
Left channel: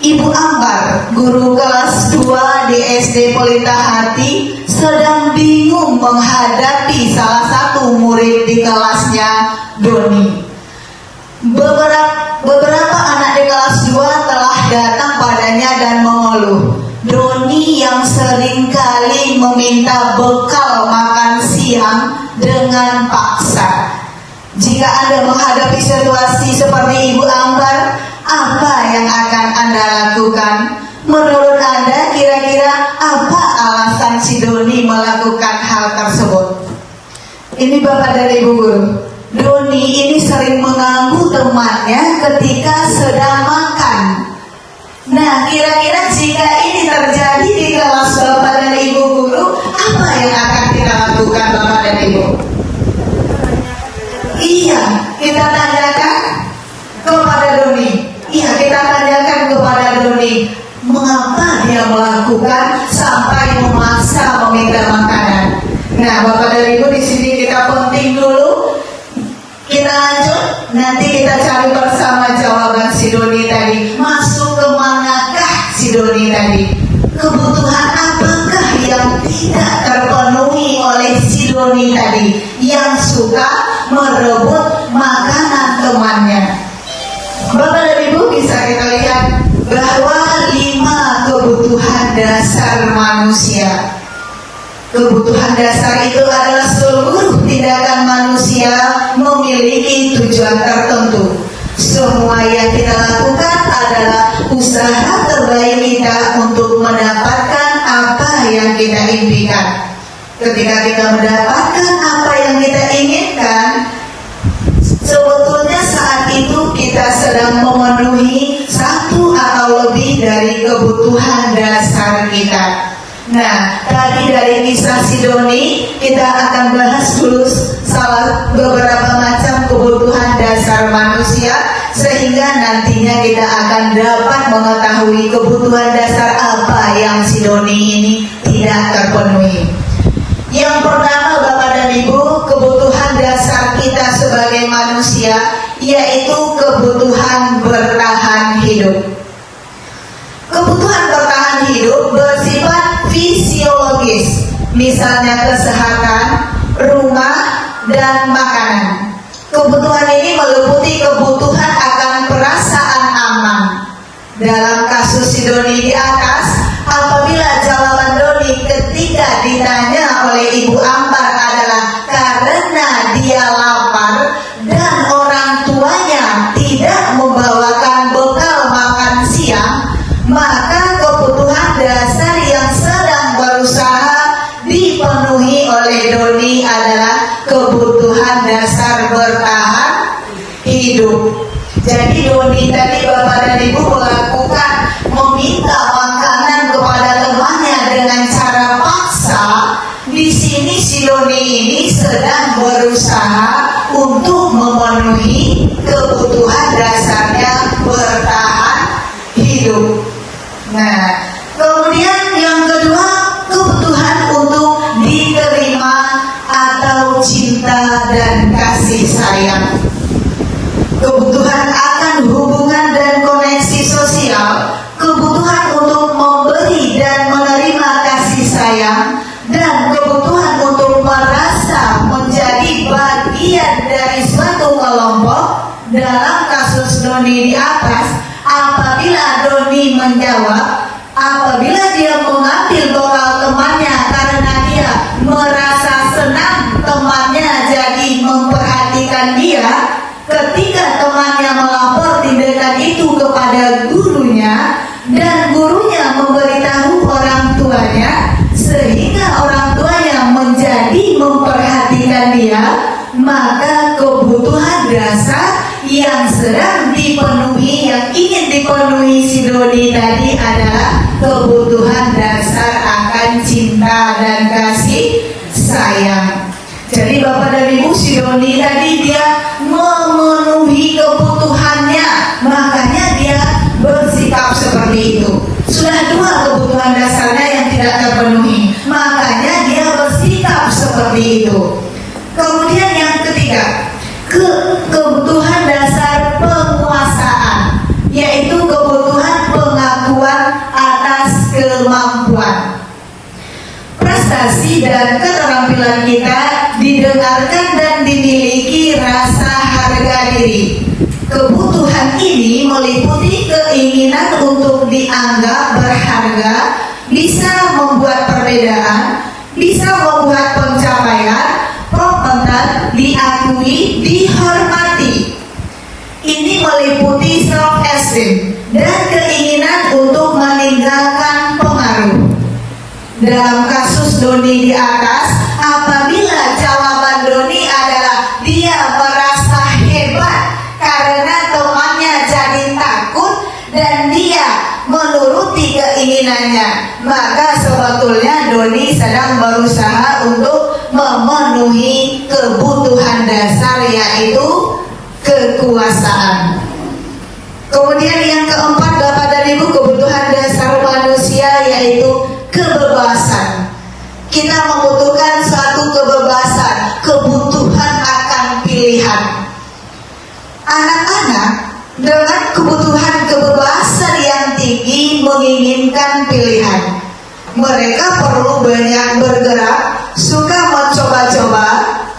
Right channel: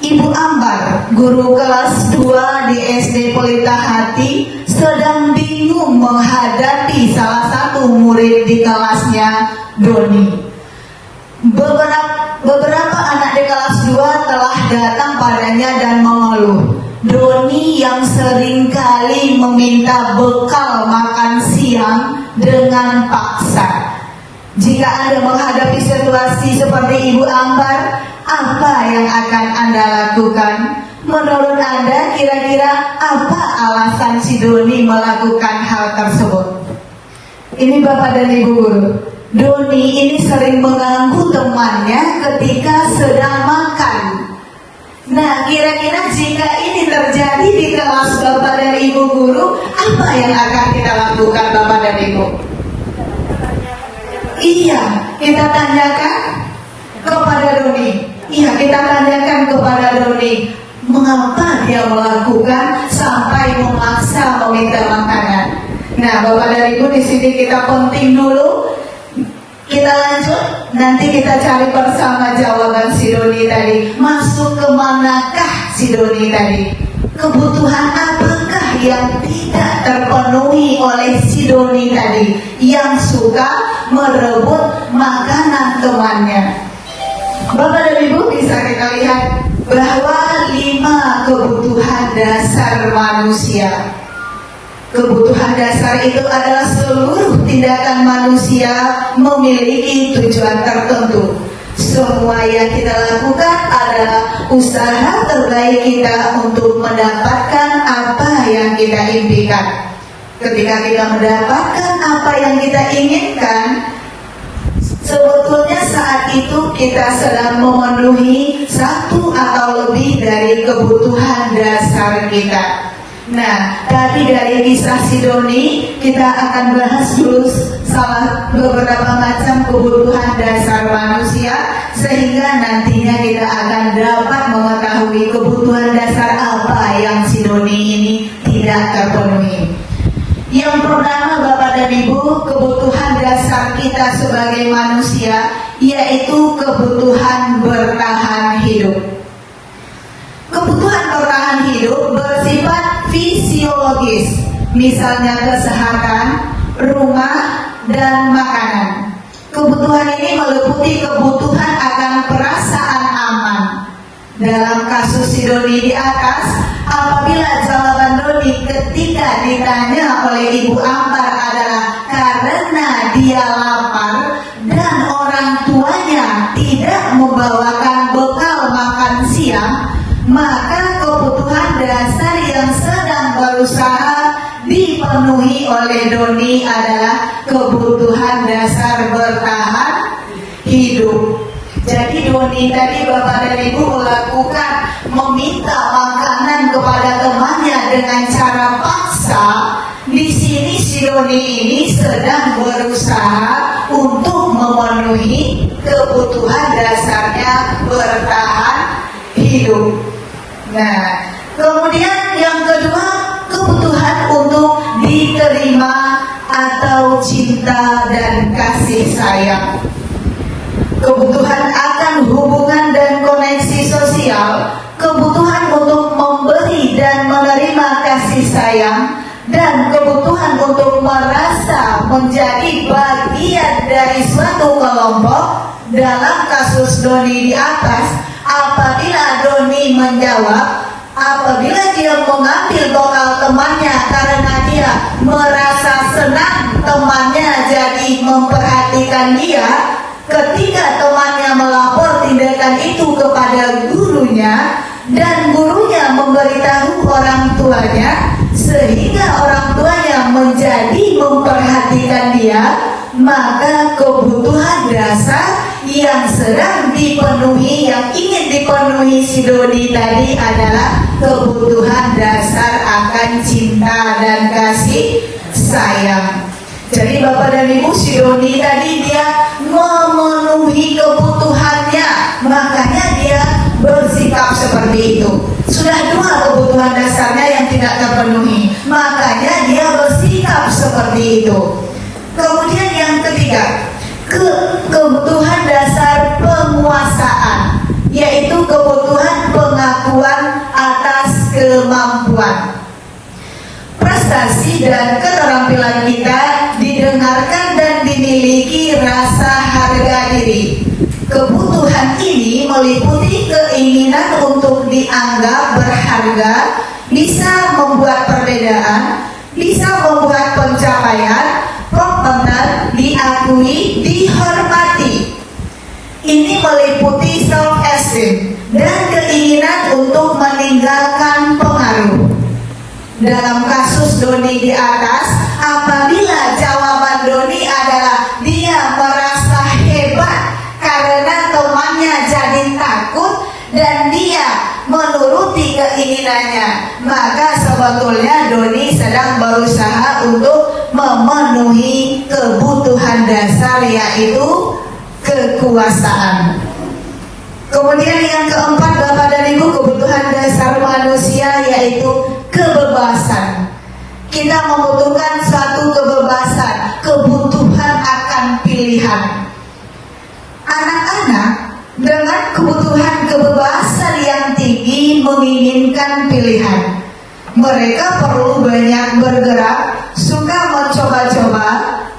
Ibu Ambar, guru kelas 2 di SD Pelita Hati, sedang bingung menghadapi salah satu murid di kelasnya, Doni. Beberapa anak di kelas 2 telah datang padanya dan mengeluh. Doni yang seringkali meminta bekal makan siang dengan paksa. Jika Anda menghadapi situasi seperti Ibu Ambar, apa yang akan Anda lakukan? Menurut Anda, kira-kira apa alasan si Doni melakukan hal tersebut? Ini Bapak dan Ibu guru, Doni ini sering mengganggu temannya ketika sedang makan. Nah, kira-kira jika ini terjadi di kelas Bapak dan Ibu guru, apa yang akan kita lakukan Bapak dan Ibu? Iya, kita tanyakan kepada Doni. Iya, kita tanyakan kepada Doni, mengapa dia melakukan sampai memaksa meminta makanan. Nah, Bapak dan Ibu, di sini kita penting dulu. Kita lanjut, nanti kita cari bersama jawaban si Doni tadi. Masuk ke manakah si Doni tadi? Kebutuhan apakah yang tidak terpenuhi oleh si Doni tadi? Yang suka manusia. Kebutuhan dasar itu adalah seluruh tindakan manusia memiliki tujuan tertentu. Semua yang kita lakukan adalah usaha terbaik kita untuk mendapatkan apa yang kita impikan. Ketika kita mendapatkan apa yang kita inginkan, sebetulnya saat itu kita sedang memenuhi satu atau lebih dari kebutuhan dasar kita. Nah, tadi dari kisah si Doni kita akan bahas dulu beberapa macam kebutuhan dasar manusia, sehingga nantinya kita akan dapat mengetahui kebutuhan dasar apa yang si Doni ini tidak terpenuhi. Yang pertama, Bapak dan Ibu, kebutuhan dasar kita sebagai manusia yaitu kebutuhan bertahan hidup. Kebutuhan bertahan hidup bersifat fisiologis, misalnya kesehatan, rumah, dan makanan. Kebutuhan ini meliputi kebutuhan akan perasaan aman. Dalam kasus si Doni di atas, apabila jawaban Doni ketika ditanya oleh Ibu Ampar adalah karena dia lapar dan orang tuanya tidak membawakan bekal makan siang, maka kebutuhan dasar yang sedang berusaha dipenuhi oleh Doni adalah kebutuhan dasar bertahan hidup. Jadi Doni tadi Bapak dan Ibu melakukan meminta makanan kepada temannya dengan cara paksa. Di sini si Doni ini sedang berusaha untuk memenuhi kebutuhan dasarnya bertahan hidup. Nah, kemudian yang kedua, kebutuhan untuk diterima atau cinta dan kasih sayang. Kebutuhan akan hubungan dan koneksi sosial, kebutuhan untuk memberi dan menerima kasih sayang, dan kebutuhan untuk merasa menjadi bagian dari suatu kelompok. Dalam kasus Doni di atas, apabila Doni menjawab, apabila dia mengambil bekal temannya karena dia merasa senang temannya jadi memperhatikan dia, ketika temannya melapor tindakan itu kepada gurunya dan gurunya memberitahu orang tuanya, sehingga orang tuanya menjadi memperhatikan dia, maka kebutuhan dasar yang sedang dipenuhi, yang ingin dipenuhi si Doni tadi adalah kebutuhan dasar akan cinta dan kasih sayang. Jadi Bapak dan Ibu, si Doni tadi dia memenuhi kebutuhannya, makanya dia bersikap seperti itu. Sudah dua kebutuhan dasarnya yang tidak terpenuhi, makanya dia bersikap seperti itu. Kemudian yang ketiga, kebutuhan dasar penguasaan, yaitu kebutuhan pengakuan atas kemampuan. Prestasi dan keterampilan kita didengarkan dan dimiliki rasa harga diri. Kebutuhan ini meliputi keinginan untuk dianggap berharga, bisa membuat perbedaan, bisa membuat pencapaian, kompeten, diakui, dihormati. Ini meliputi self-esteem dan keinginan untuk meninggalkan pengaruh. Dalam kasus Doni di atas, apabila jawaban Doni adalah dia merasa hebat karena temannya jadi takut dan dia menuruti keinginannya, maka sebetulnya Doni sedang berusaha untuk memenuhi kebutuhan dasar, yaitu kekuasaan. Kemudian yang keempat, Bapak dan Ibu, kebutuhan dasar manusia yaitu kebebasan. Kita membutuhkan satu kebebasan, kebutuhan akan pilihan. Anak-anak dengan kebutuhan kebebasan yang tinggi menginginkan pilihan. Mereka perlu banyak bergerak, suka mencoba-coba,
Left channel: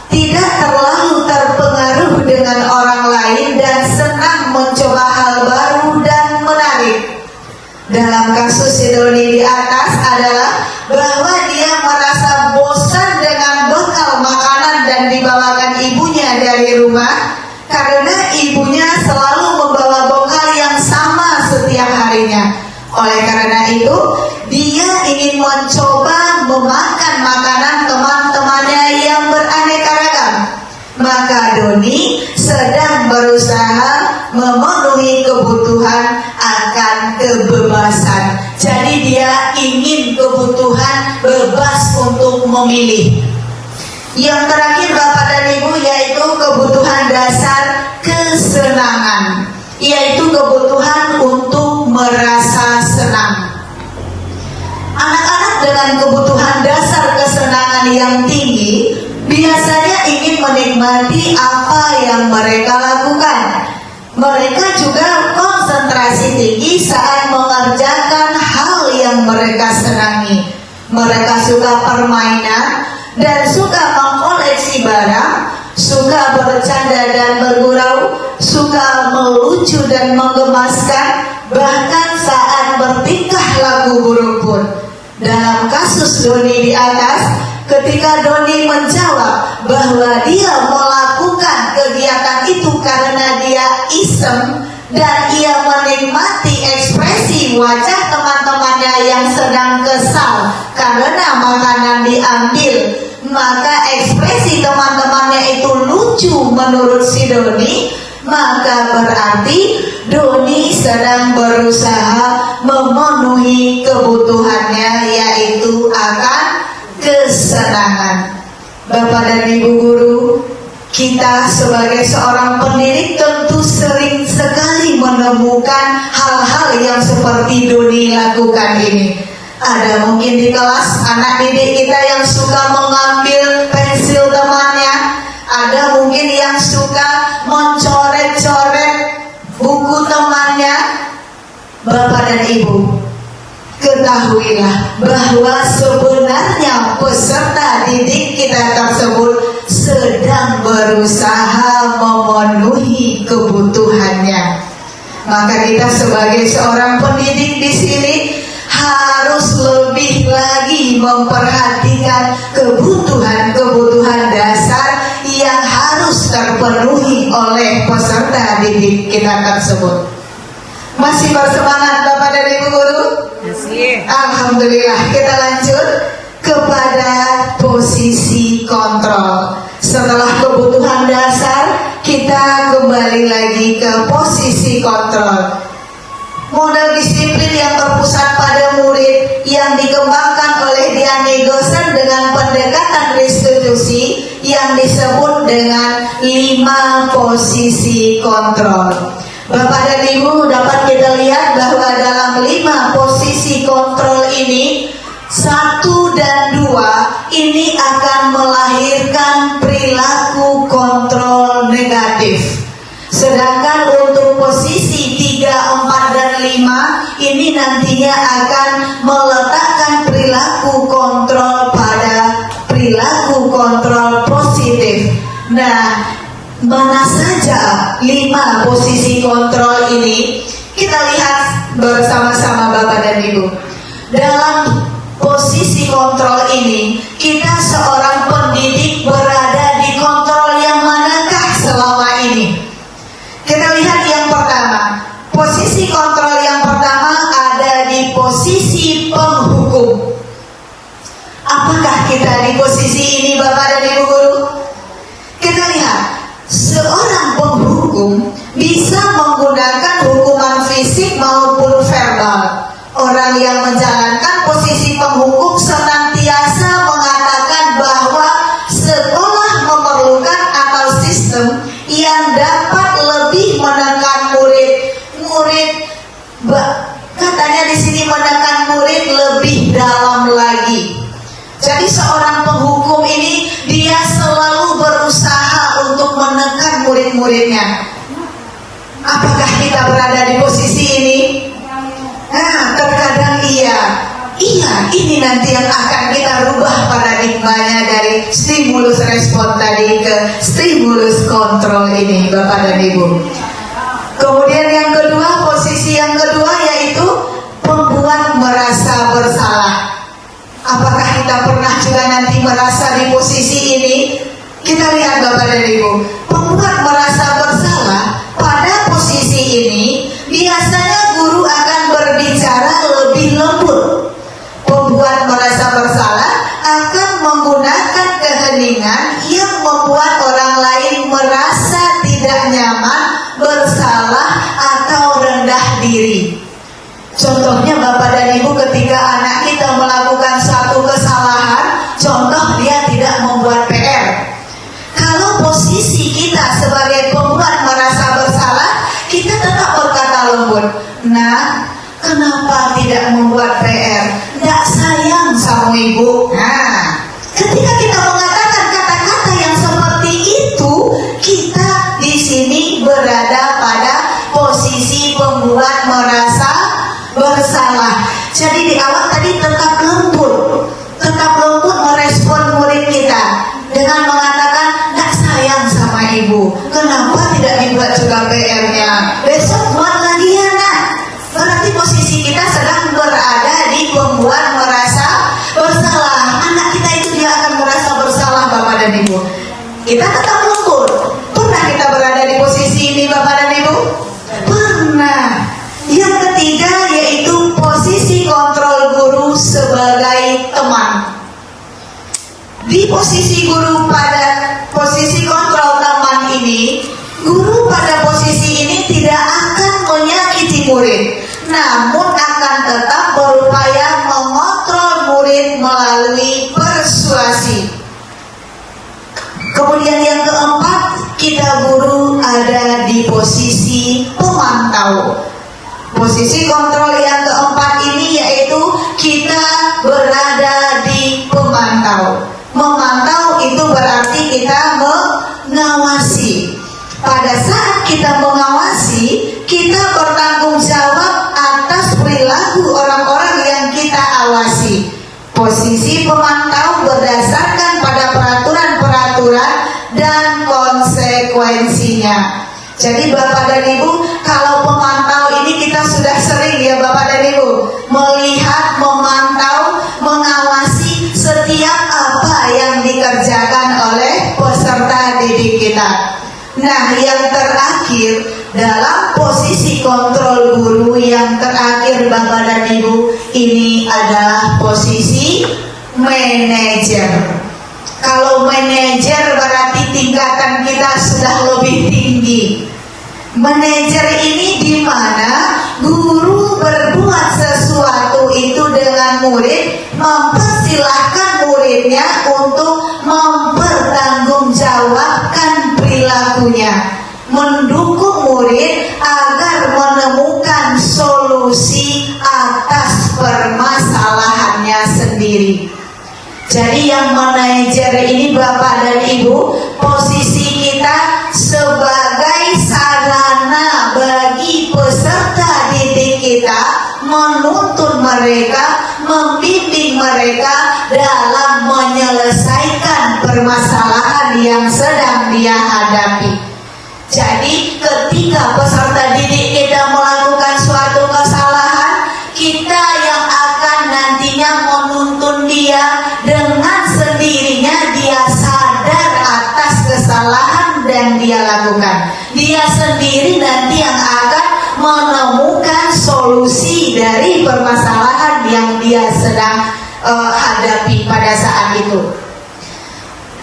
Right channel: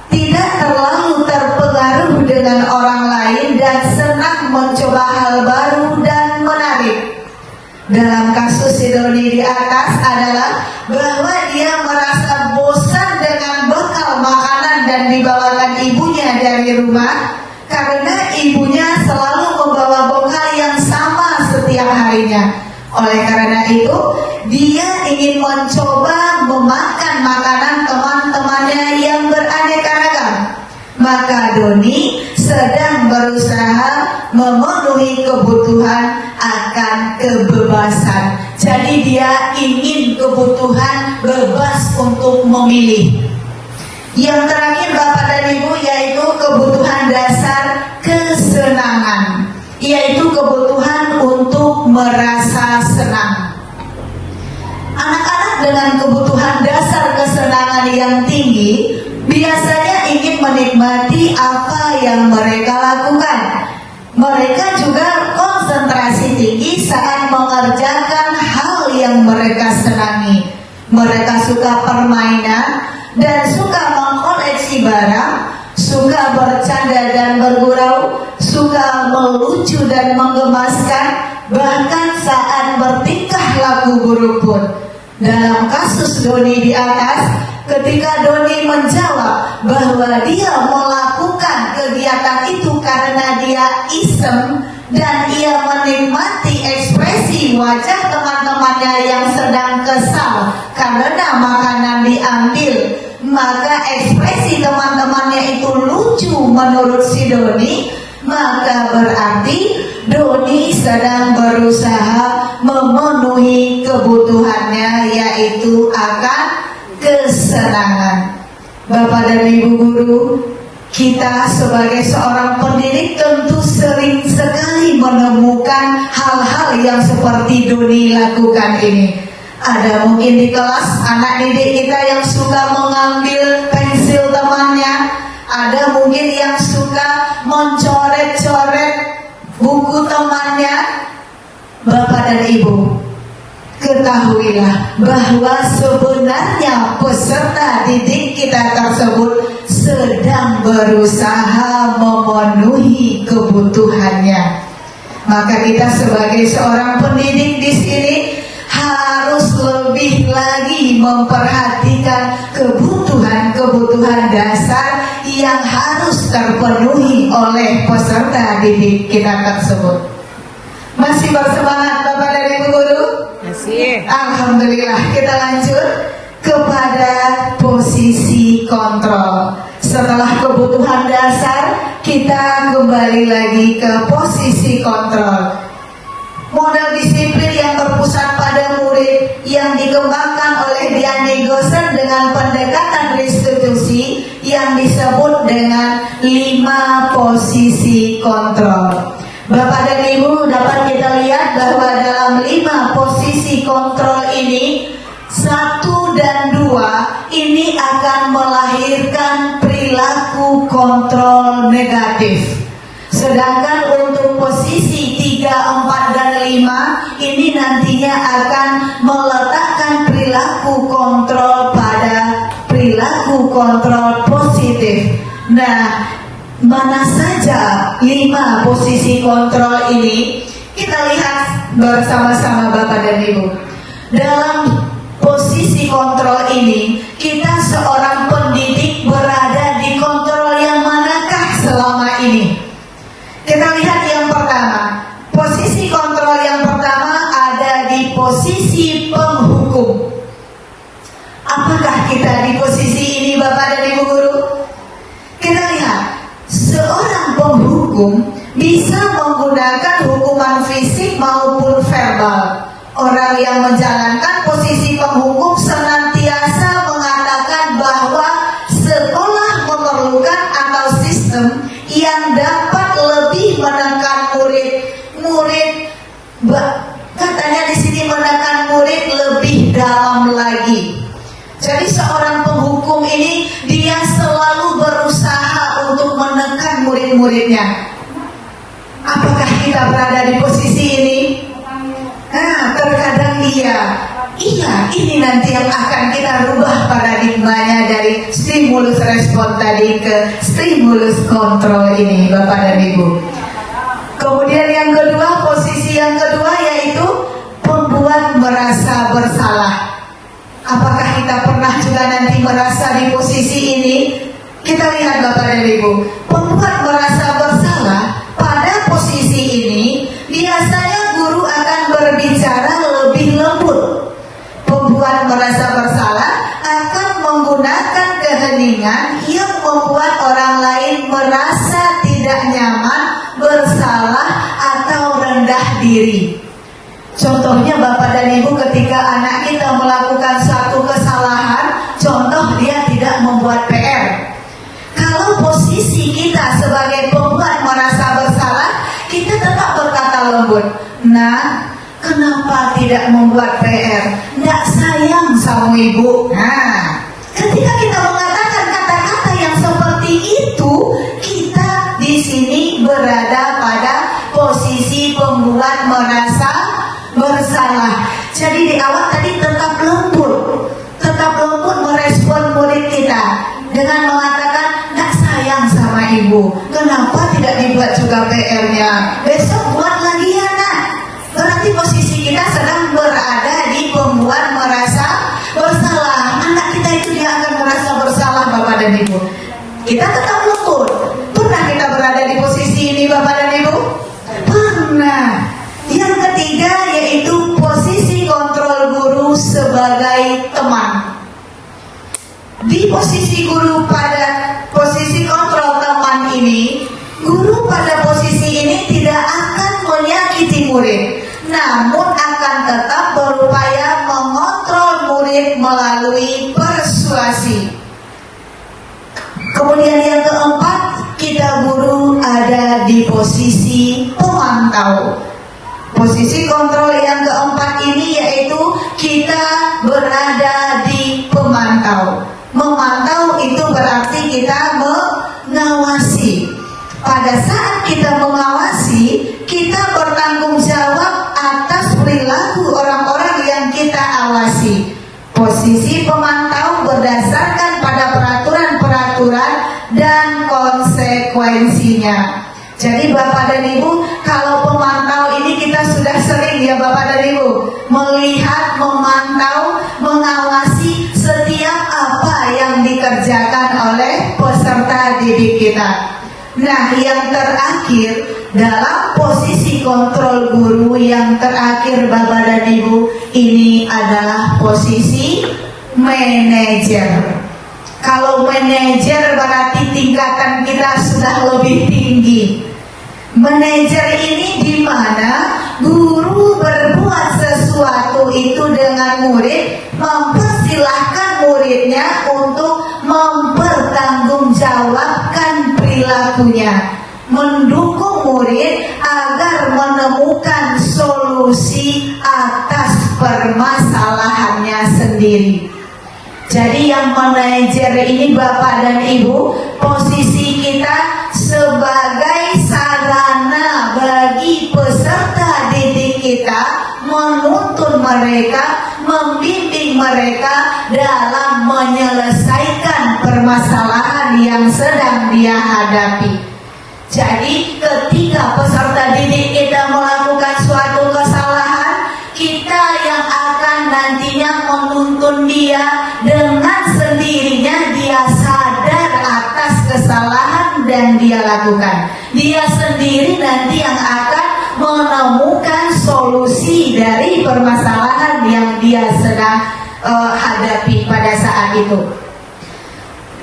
tidak terlalu terpengaruh dengan orang lain, dan senang mencoba hal baru dan menarik. Dalam kasus si Doni di atas adalah bahwa dia merasa bosan dengan bekal makanan dan dibawakan ibunya dari rumah, karena ibunya selalu membawa bekal yang sama setiap harinya. Oleh karena itu, dia ingin mencoba memakan makanan teman-temannya yang beraneka ragam. Maka Doni sedang berusaha memenuhi kebutuhan akan kebebasan. Jadi dia ingin kebutuhan bebas untuk memilih. Yang terakhir Bapak dan Ibu, yaitu kebutuhan dasar kesenangan, yaitu kebutuhan untuk merasa senang. Anak-anak dengan kebutuhan dasar kesenangan yang tinggi biasanya ingin menikmati apa yang mereka lakukan. Mereka juga konsentrasi tinggi saat mengerjakan hal yang mereka senangi. Mereka suka permainan dan suka mengkoleksi barang, suka bercanda dan bergurau, suka melucu dan menggemaskan, bahkan saat bertingkah laku buruk pun. Dalam kasus Doni di atas, ketika Doni menjawab bahwa dia melakukan kegiatan itu karena dia iseng dan ia menikmati ekspresi wajah teman-temannya yang sedang kesal karena makanan diambil, maka ekspresi teman-temannya itu lucu menurut si Doni, maka berarti Doni sedang berusaha memenuhi kebutuhannya, yaitu akan kesenangan. Bapak dan Ibu guru, kita sebagai seorang pendidik tentu sering sekali menemukan hal-hal yang seperti Doni lakukan ini. Ada mungkin di kelas anak didik kita yang suka mengambil pensil temannya, ada mungkin yang suka mencoret-coret buku temannya. Bapak dan Ibu, ketahuilah bahwa sebenarnya peserta didik kita tersebut sedang berusaha memenuhi kebutuhannya. Maka kita sebagai seorang pendidik di sini harus lebih lagi memperhatikan kebutuhan-kebutuhan dasar yang harus terpenuhi oleh peserta didik kita tersebut. Masih bersemangat Bapak dan Ibu guru? Masih. Alhamdulillah. Kita lanjut kepada posisi kontrol. Setelah kebutuhan dasar, kita kembali lagi ke posisi kontrol. Model disiplin yang terpusat pada murid yang dikembangkan oleh Diane Gosen dengan pendekatan restitusi yang disebut dengan 5 posisi kontrol. Bapak dan Ibu, dapat kita lihat bahwa dalam 5 posisi kontrol ini, 1 dan 2 ini akan melahirkan perilaku kontrol negatif. Sedangkan untuk posisi 3, 4, dan 5 ini nantinya akan meletakkan perilaku kontrol pada perilaku kontrol positif. Nah, mana saja 5 posisi kontrol ini? Kita lihat bersama-sama Bapak dan Ibu. Dalam posisi kontrol ini, kita seorang pendidik berada di kontrol yang manakah selama ini? Kita lihat yang pertama. Posisi kontrol yang pertama ada di posisi penghukum. Apakah kita di posisi ini Bapak dan Ibu guru? Kita lihat, seorang penghukum bisa menggunakan hukuman fisik maupun verbal. Orang yang menjalankan posisi penghukum senantiasa mengatakan bahwa sekolah memerlukan atau sistem yang dapat lebih menekan murid, katanya di sini menekan murid lebih dalam lagi. Jadi seorang penghukum ini dia selalu berusaha untuk menekan murid-muridnya. Apakah kita berada di posisi ini? Nah, terkadang iya, ini nanti yang akan kita rubah paradigmanya dari stimulus respon tadi ke stimulus kontrol ini, Bapak dan Ibu. Kemudian yang kedua, posisi yang kedua yaitu pembuat merasa bersalah. Apa kita lihat Bapak dan Ibu, pembuat merasa bersalah pada posisi ini biasanya guru akan berbicara lebih lembut. Pembuat merasa bersalah akan menggunakan keheningan yang membuat orang lain merasa tidak nyaman, bersalah atau rendah diri. Contohnya Bapak dan Ibu, ketika anak kita melakukan satu kesalahan, contoh dia tidak membuat PR. Kalau posisi kita sebagai pembuat merasa bersalah, kita tetap berkata lembut, "Nak, kenapa tidak membuat PR? Nggak sayang sama ibu." Nah, ketika kita mengatakan kata-kata yang seperti itu, kita di sini berada pada posisi pembuat merasa bersalah. Jadi di awal tadi tetap lembut merespon murid kita dengan mengatakan, "Nggak sayang sama ibu, kenapa tidak dibuat juga PR-nya? Besok buat lagi ya nak." Berarti posisi kita sedang berada di pembuat merasa bersalah. Anak kita itu dia akan merasa bersalah Bapak dan Ibu. Kita tetap lembut. Pernah kita berada di posisi ini Bapak dan Ibu? Pernah. Yang ketiga yaitu posisi kontrol guru sebagai teman. Di posisi guru pada posisi kontrol teman ini, guru pada posisi ini tidak akan menyakiti murid, namun akan tetap berupaya mengontrol murid melalui persuasi. Kemudian yang keempat, kita guru ada di posisi pemantau. Posisi kontrol yang keempat ini yaitu kita berada di pemantau. Memantau itu berarti kita mengawasi. Pada saat kita mengawasi, kita bertanggung jawab atas perilaku orang-orang yang kita awasi. Posisi pemantau berdasarkan pada peraturan-peraturan dan konsekuensinya. Jadi Bapak dan Ibu, kalau pemantau ini kita sudah sering ya Bapak dan Ibu, melihat, memantau, mengawasi setiap apa yang dikerjakan oleh peserta didik kita. Nah, yang terakhir dalam posisi kontrol guru yang terakhir Bapak dan Ibu, ini adalah posisi manajer. Kalau manajer berarti tingkatan kita sudah lebih tinggi. Manajer ini di mana guru berbuat sesuatu itu dengan murid, mempersilahkan muridnya untuk mempertanggungjawabkan perilakunya, mendukung murid agar menemukan solusi atas permasalahannya sendiri. Jadi yang manajer ini Bapak dan Ibu, posisi kita sebagai sarana bagi peserta didik kita, menuntun mereka, membimbing mereka dalam menyelesaikan permasalahan yang sedang dia hadapi. Jadi ketika peserta didik kita melakukan suatu kesalahan, kita yang akan nantinya menuntun dia, dengan sendirinya dia sadar atas kesalahan dan dia lakukan. Dia sendiri nanti yang akan menemukan solusi dari permasalahan yang dia sedang hadapi pada saat itu.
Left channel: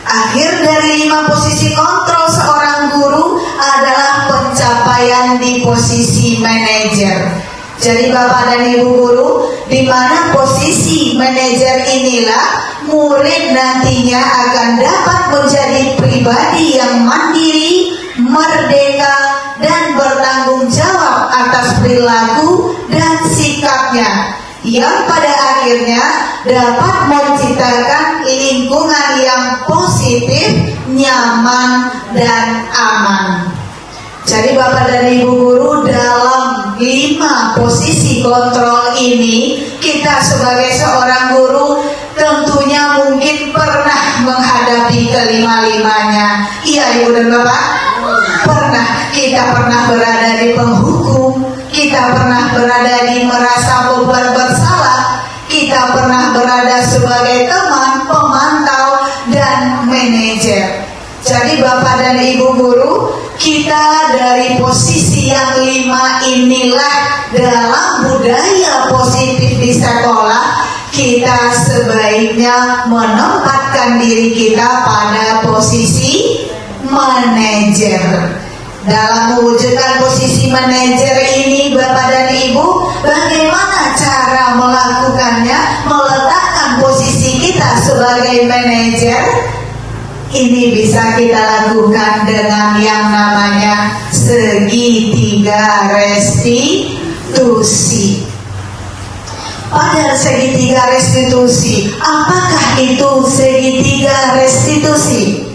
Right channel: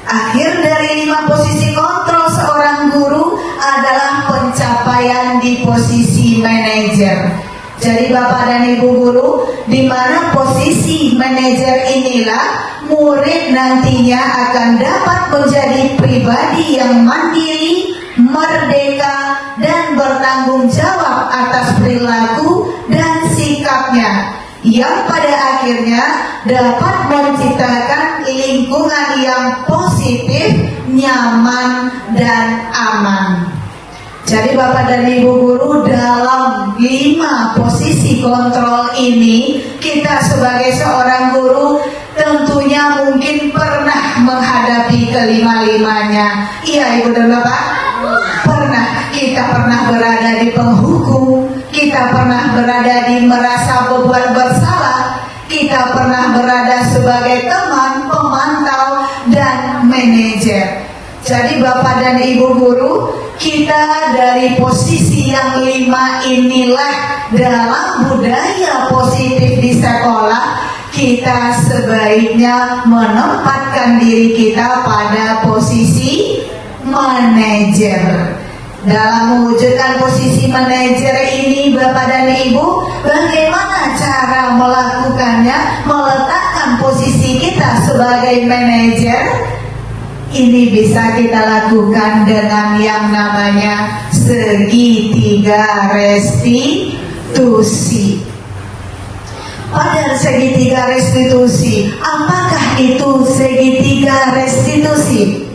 Akhir dari 5 posisi kontrol seorang guru adalah pencapaian di posisi manajer. Jadi Bapak dan Ibu guru, di mana posisi manajer inilah murid nantinya akan dapat menjadi pribadi yang mandiri, merdeka, dan bertanggung jawab atas perilaku dan sikapnya, yang pada akhirnya dapat menciptakan lingkungan yang positif, nyaman, dan aman. Jadi Bapak dan Ibu guru, dalam 5 posisi kontrol ini, kita sebagai seorang guru tentunya mungkin pernah menghadapi kelima-limanya. Iya Ibu dan Bapak? Pernah. Kita pernah berada di penghukum, kita pernah berada di merasa beban bersalah, kita pernah berada sebagai teman, pemantau, dan manajer. Jadi Bapak dan Ibu guru, kita dari posisi yang 5 inilah dalam budaya positif di sekolah, kita sebaiknya menempatkan diri kita pada posisi manajer. Dalam mewujudkan posisi manajer ini Bapak dan Ibu, bagaimana cara melakukannya, meletakkan posisi kita sebagai manajer? Ini bisa kita lakukan dengan yang namanya segitiga restitusi. Pada segitiga restitusi, apakah itu segitiga restitusi?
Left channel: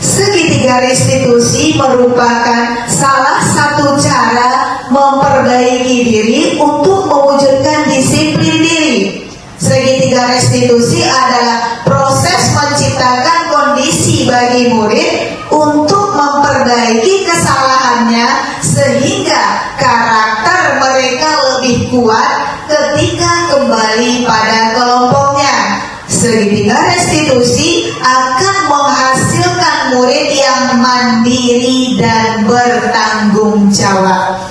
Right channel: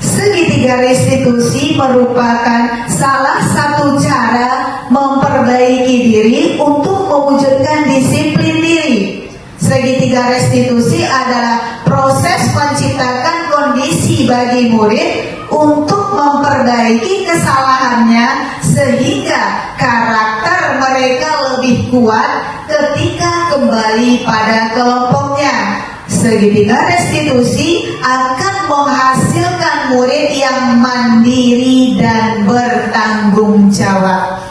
Segitiga restitusi merupakan salah satu cara memperbaiki diri untuk mewujudkan disiplin diri. Segitiga restitusi adalah proses menciptakan kondisi bagi murid untuk memperbaiki kesalahannya sehingga karakter mereka lebih kuat ketika kembali pada kelompoknya. Segitiga restitusi akan menghasilkan murid yang mandiri dan bertanggung jawab.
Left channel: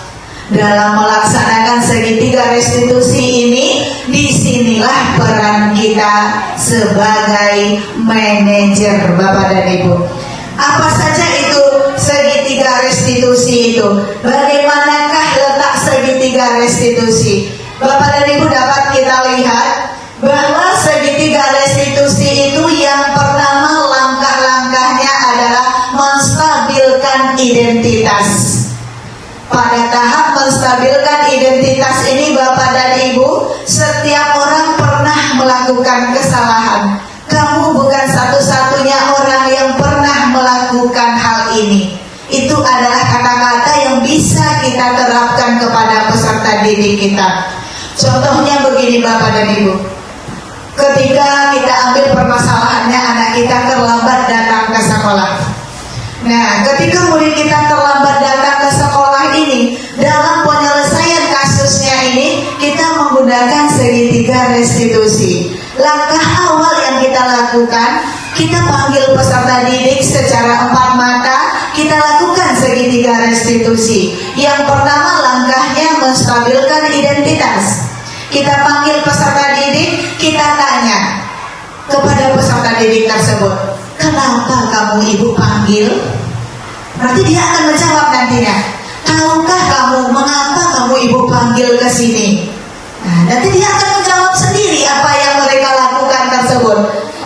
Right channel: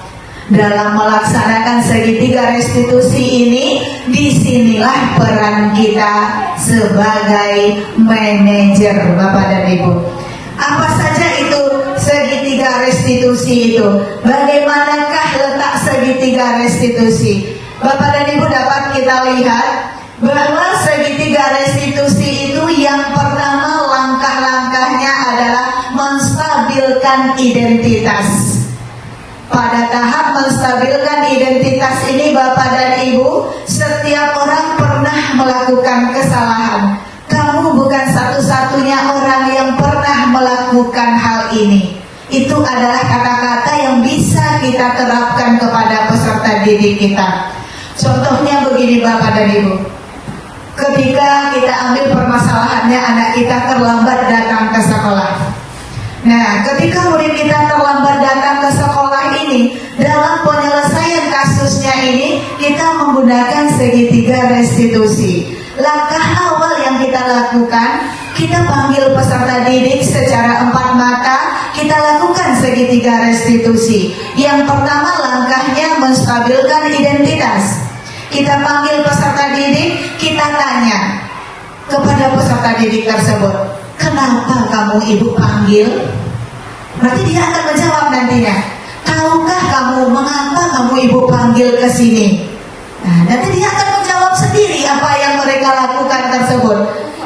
Dalam melaksanakan segitiga restitusi ini, disinilah peran kita sebagai manajer Bapak dan Ibu. Apa saja itu segitiga restitusi itu? Bagaimanakah letak segitiga restitusi? Bapak dan Ibu dapat kita lihat bahwa segitiga restitusi itu yang pertama langkah-langkahnya adalah menstabilkan identitas. Pada tahap menstabilkan identitas ini Bapak dan Ibu, setiap orang pernah melakukan kesalahan. Kamu bukan satu-satunya orang yang pernah melakukan hal ini. Itu adalah kata-kata yang bisa kita terapkan kepada peserta didik kita. Contohnya begini Bapak dan Ibu, ketika kita ambil permasalahannya anak kita terlambat datang ke sekolah. Nah, ketika murid kita terlambat datang ke sekolah ini, dalam penyelesaian kasusnya ini, kita menggunakan segitiga restitusi. Langkah awal yang kita lakukan, kita panggil peserta didik secara 4 mata, kita lakukan segitiga restitusi. Yang pertama langkahnya menstabilkan identitas. Kita panggil peserta didik, kita tanya kepada peserta didik tersebut, kenapa kamu ibu panggil? Berarti dia akan menjawab nantinya, tahukah kamu mengapa kamu ibu panggil ke sini? Nah, nanti dia akan menjawab sendiri apa yang mereka lakukan tersebut.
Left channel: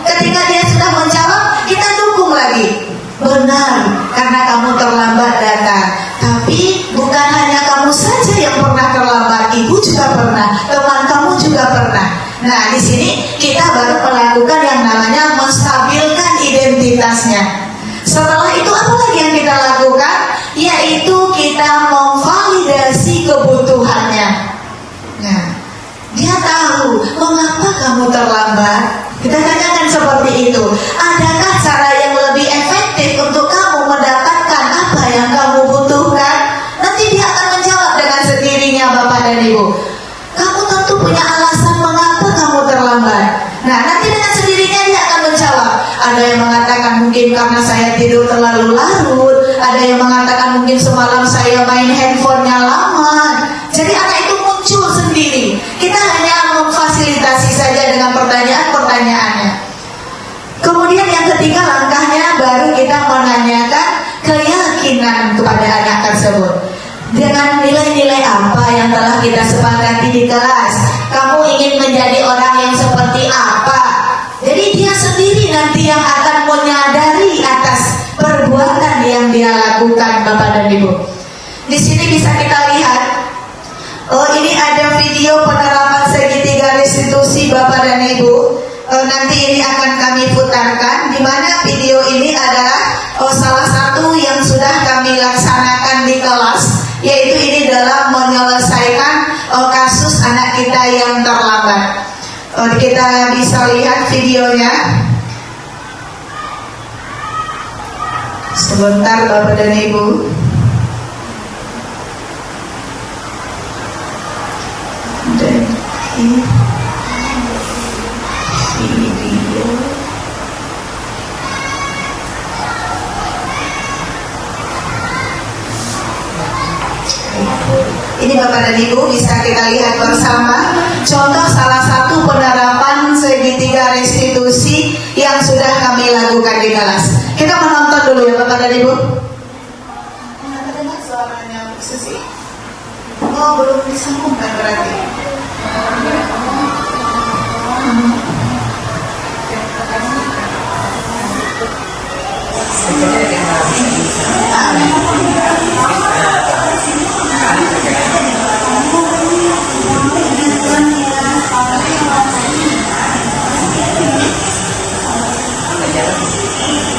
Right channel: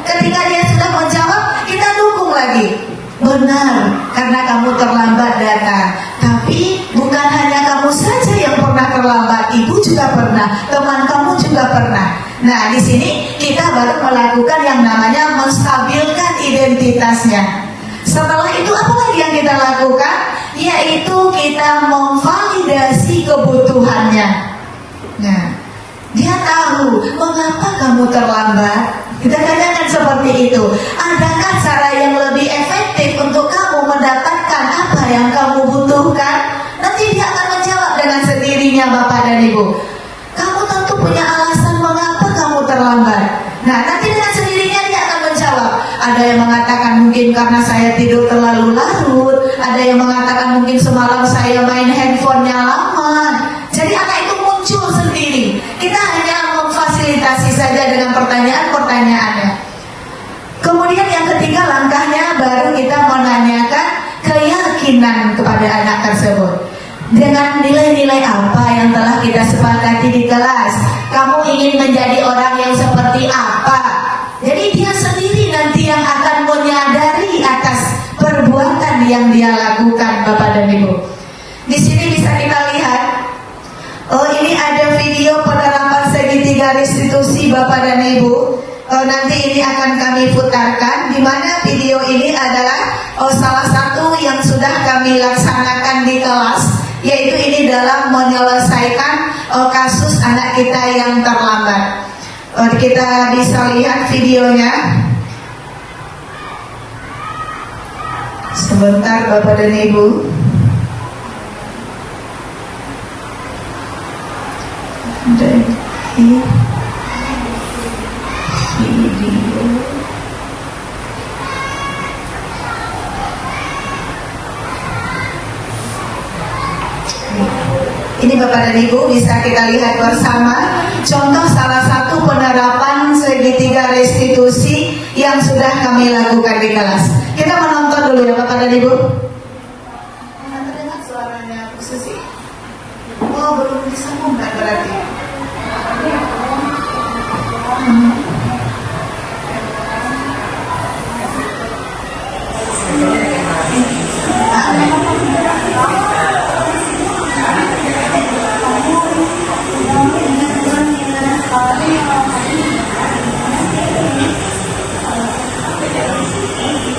Ketika dia sudah menjawab, kita dukung lagi. Benar, karena kamu terlambat datang. Tapi bukan hanya kamu saja yang pernah terlambat, ibu juga pernah, teman kamu juga pernah. Nah, di sini kita baru melakukan yang namanya menstabilkan identitasnya. Setelah itu apa lagi yang kita lakukan? Yaitu kita memvalidasi kebutuhannya. Nah, dia tahu mengapa kamu terlambat. Kita tanyakan seperti itu. Adakah cara yang lebih efektif untuk kamu mendapatkan apa yang kamu butuhkan? Nanti dia akan menjawab dengan sendirinya Bapak dan Ibu. Kamu tentu punya alasan mengapa kamu terlambat. Nah, nanti dengan sendirinya dia akan menjawab. Ada yang mengatakan mungkin karena saya tidur terlalu larut. Ada yang mengatakan mungkin semalam saya main handphonenya lama. Jadi anak itu muncul sendiri. Kita hanya memfasilitasi saja dengan pertanyaan-pertanyaannya. Kemudian yang ketiga langkahnya baru kita menanyakan keyakinan kepada anak tersebut. Dengan nilai-nilai apa yang telah kita sepakati di kelas? Kamu ingin menjadi orang yang seperti apa? Jadi dia sendiri nanti yang akan menyadari atas perbuatan yang dia lakukan Bapak dan Ibu. Di sini bisa kita lihat, ini ada video penerapan segitiga restitusi Bapak dan Ibu. Nanti ini akan kami putarkan, di mana video ini adalah salah satu yang sudah kami laksanakan di kelas, yaitu ini dalam menyelesaikan kasus anak kita yang terlambat. Kita bisa lihat videonya. Sebentar Bapak dan Ibu. Dan ini video. Bapak dan Ibu bisa kita lihat bersama contoh salah satu penerapan segitiga restitusi yang sudah kami lakukan di kelas. Kita menonton dulu ya Bapak dan Ibu. Terdengar suaranya Bu Susi? Oh, belum disambungkan berarti.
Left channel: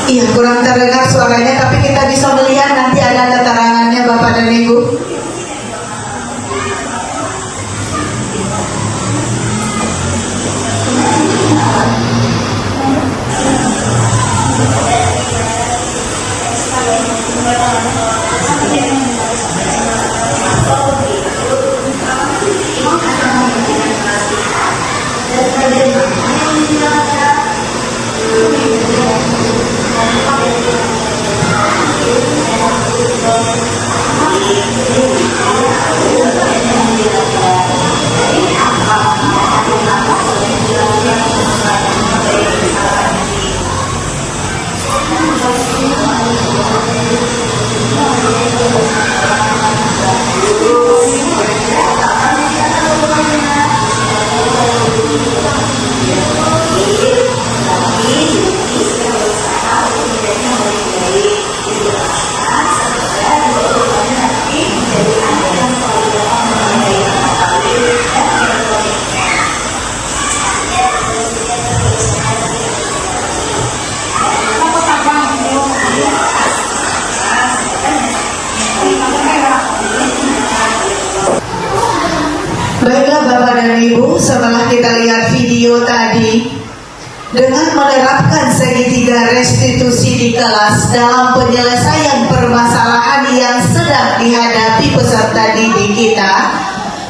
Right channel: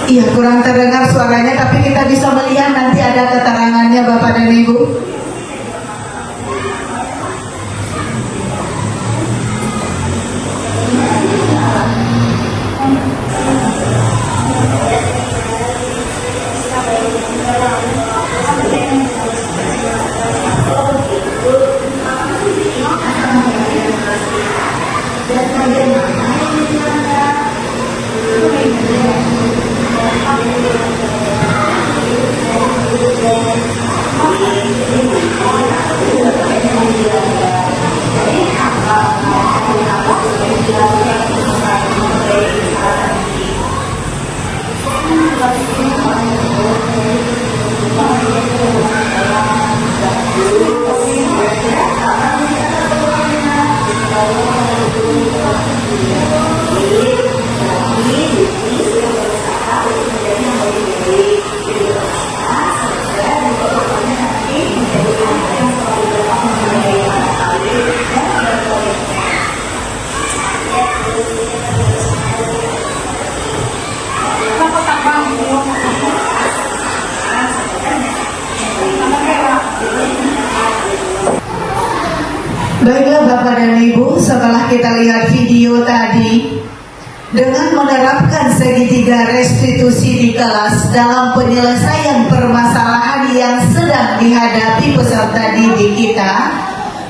Iya, kurang terdengar suaranya, tapi kita bisa melihat nanti ada keterangannya Bapak dan Ibu. Baiklah Bapak dan Ibu, setelah kita lihat video tadi, dengan menerapkan segitiga restitusi di kelas dalam penyelesaian permasalahan yang sedang dihadapi peserta didik kita,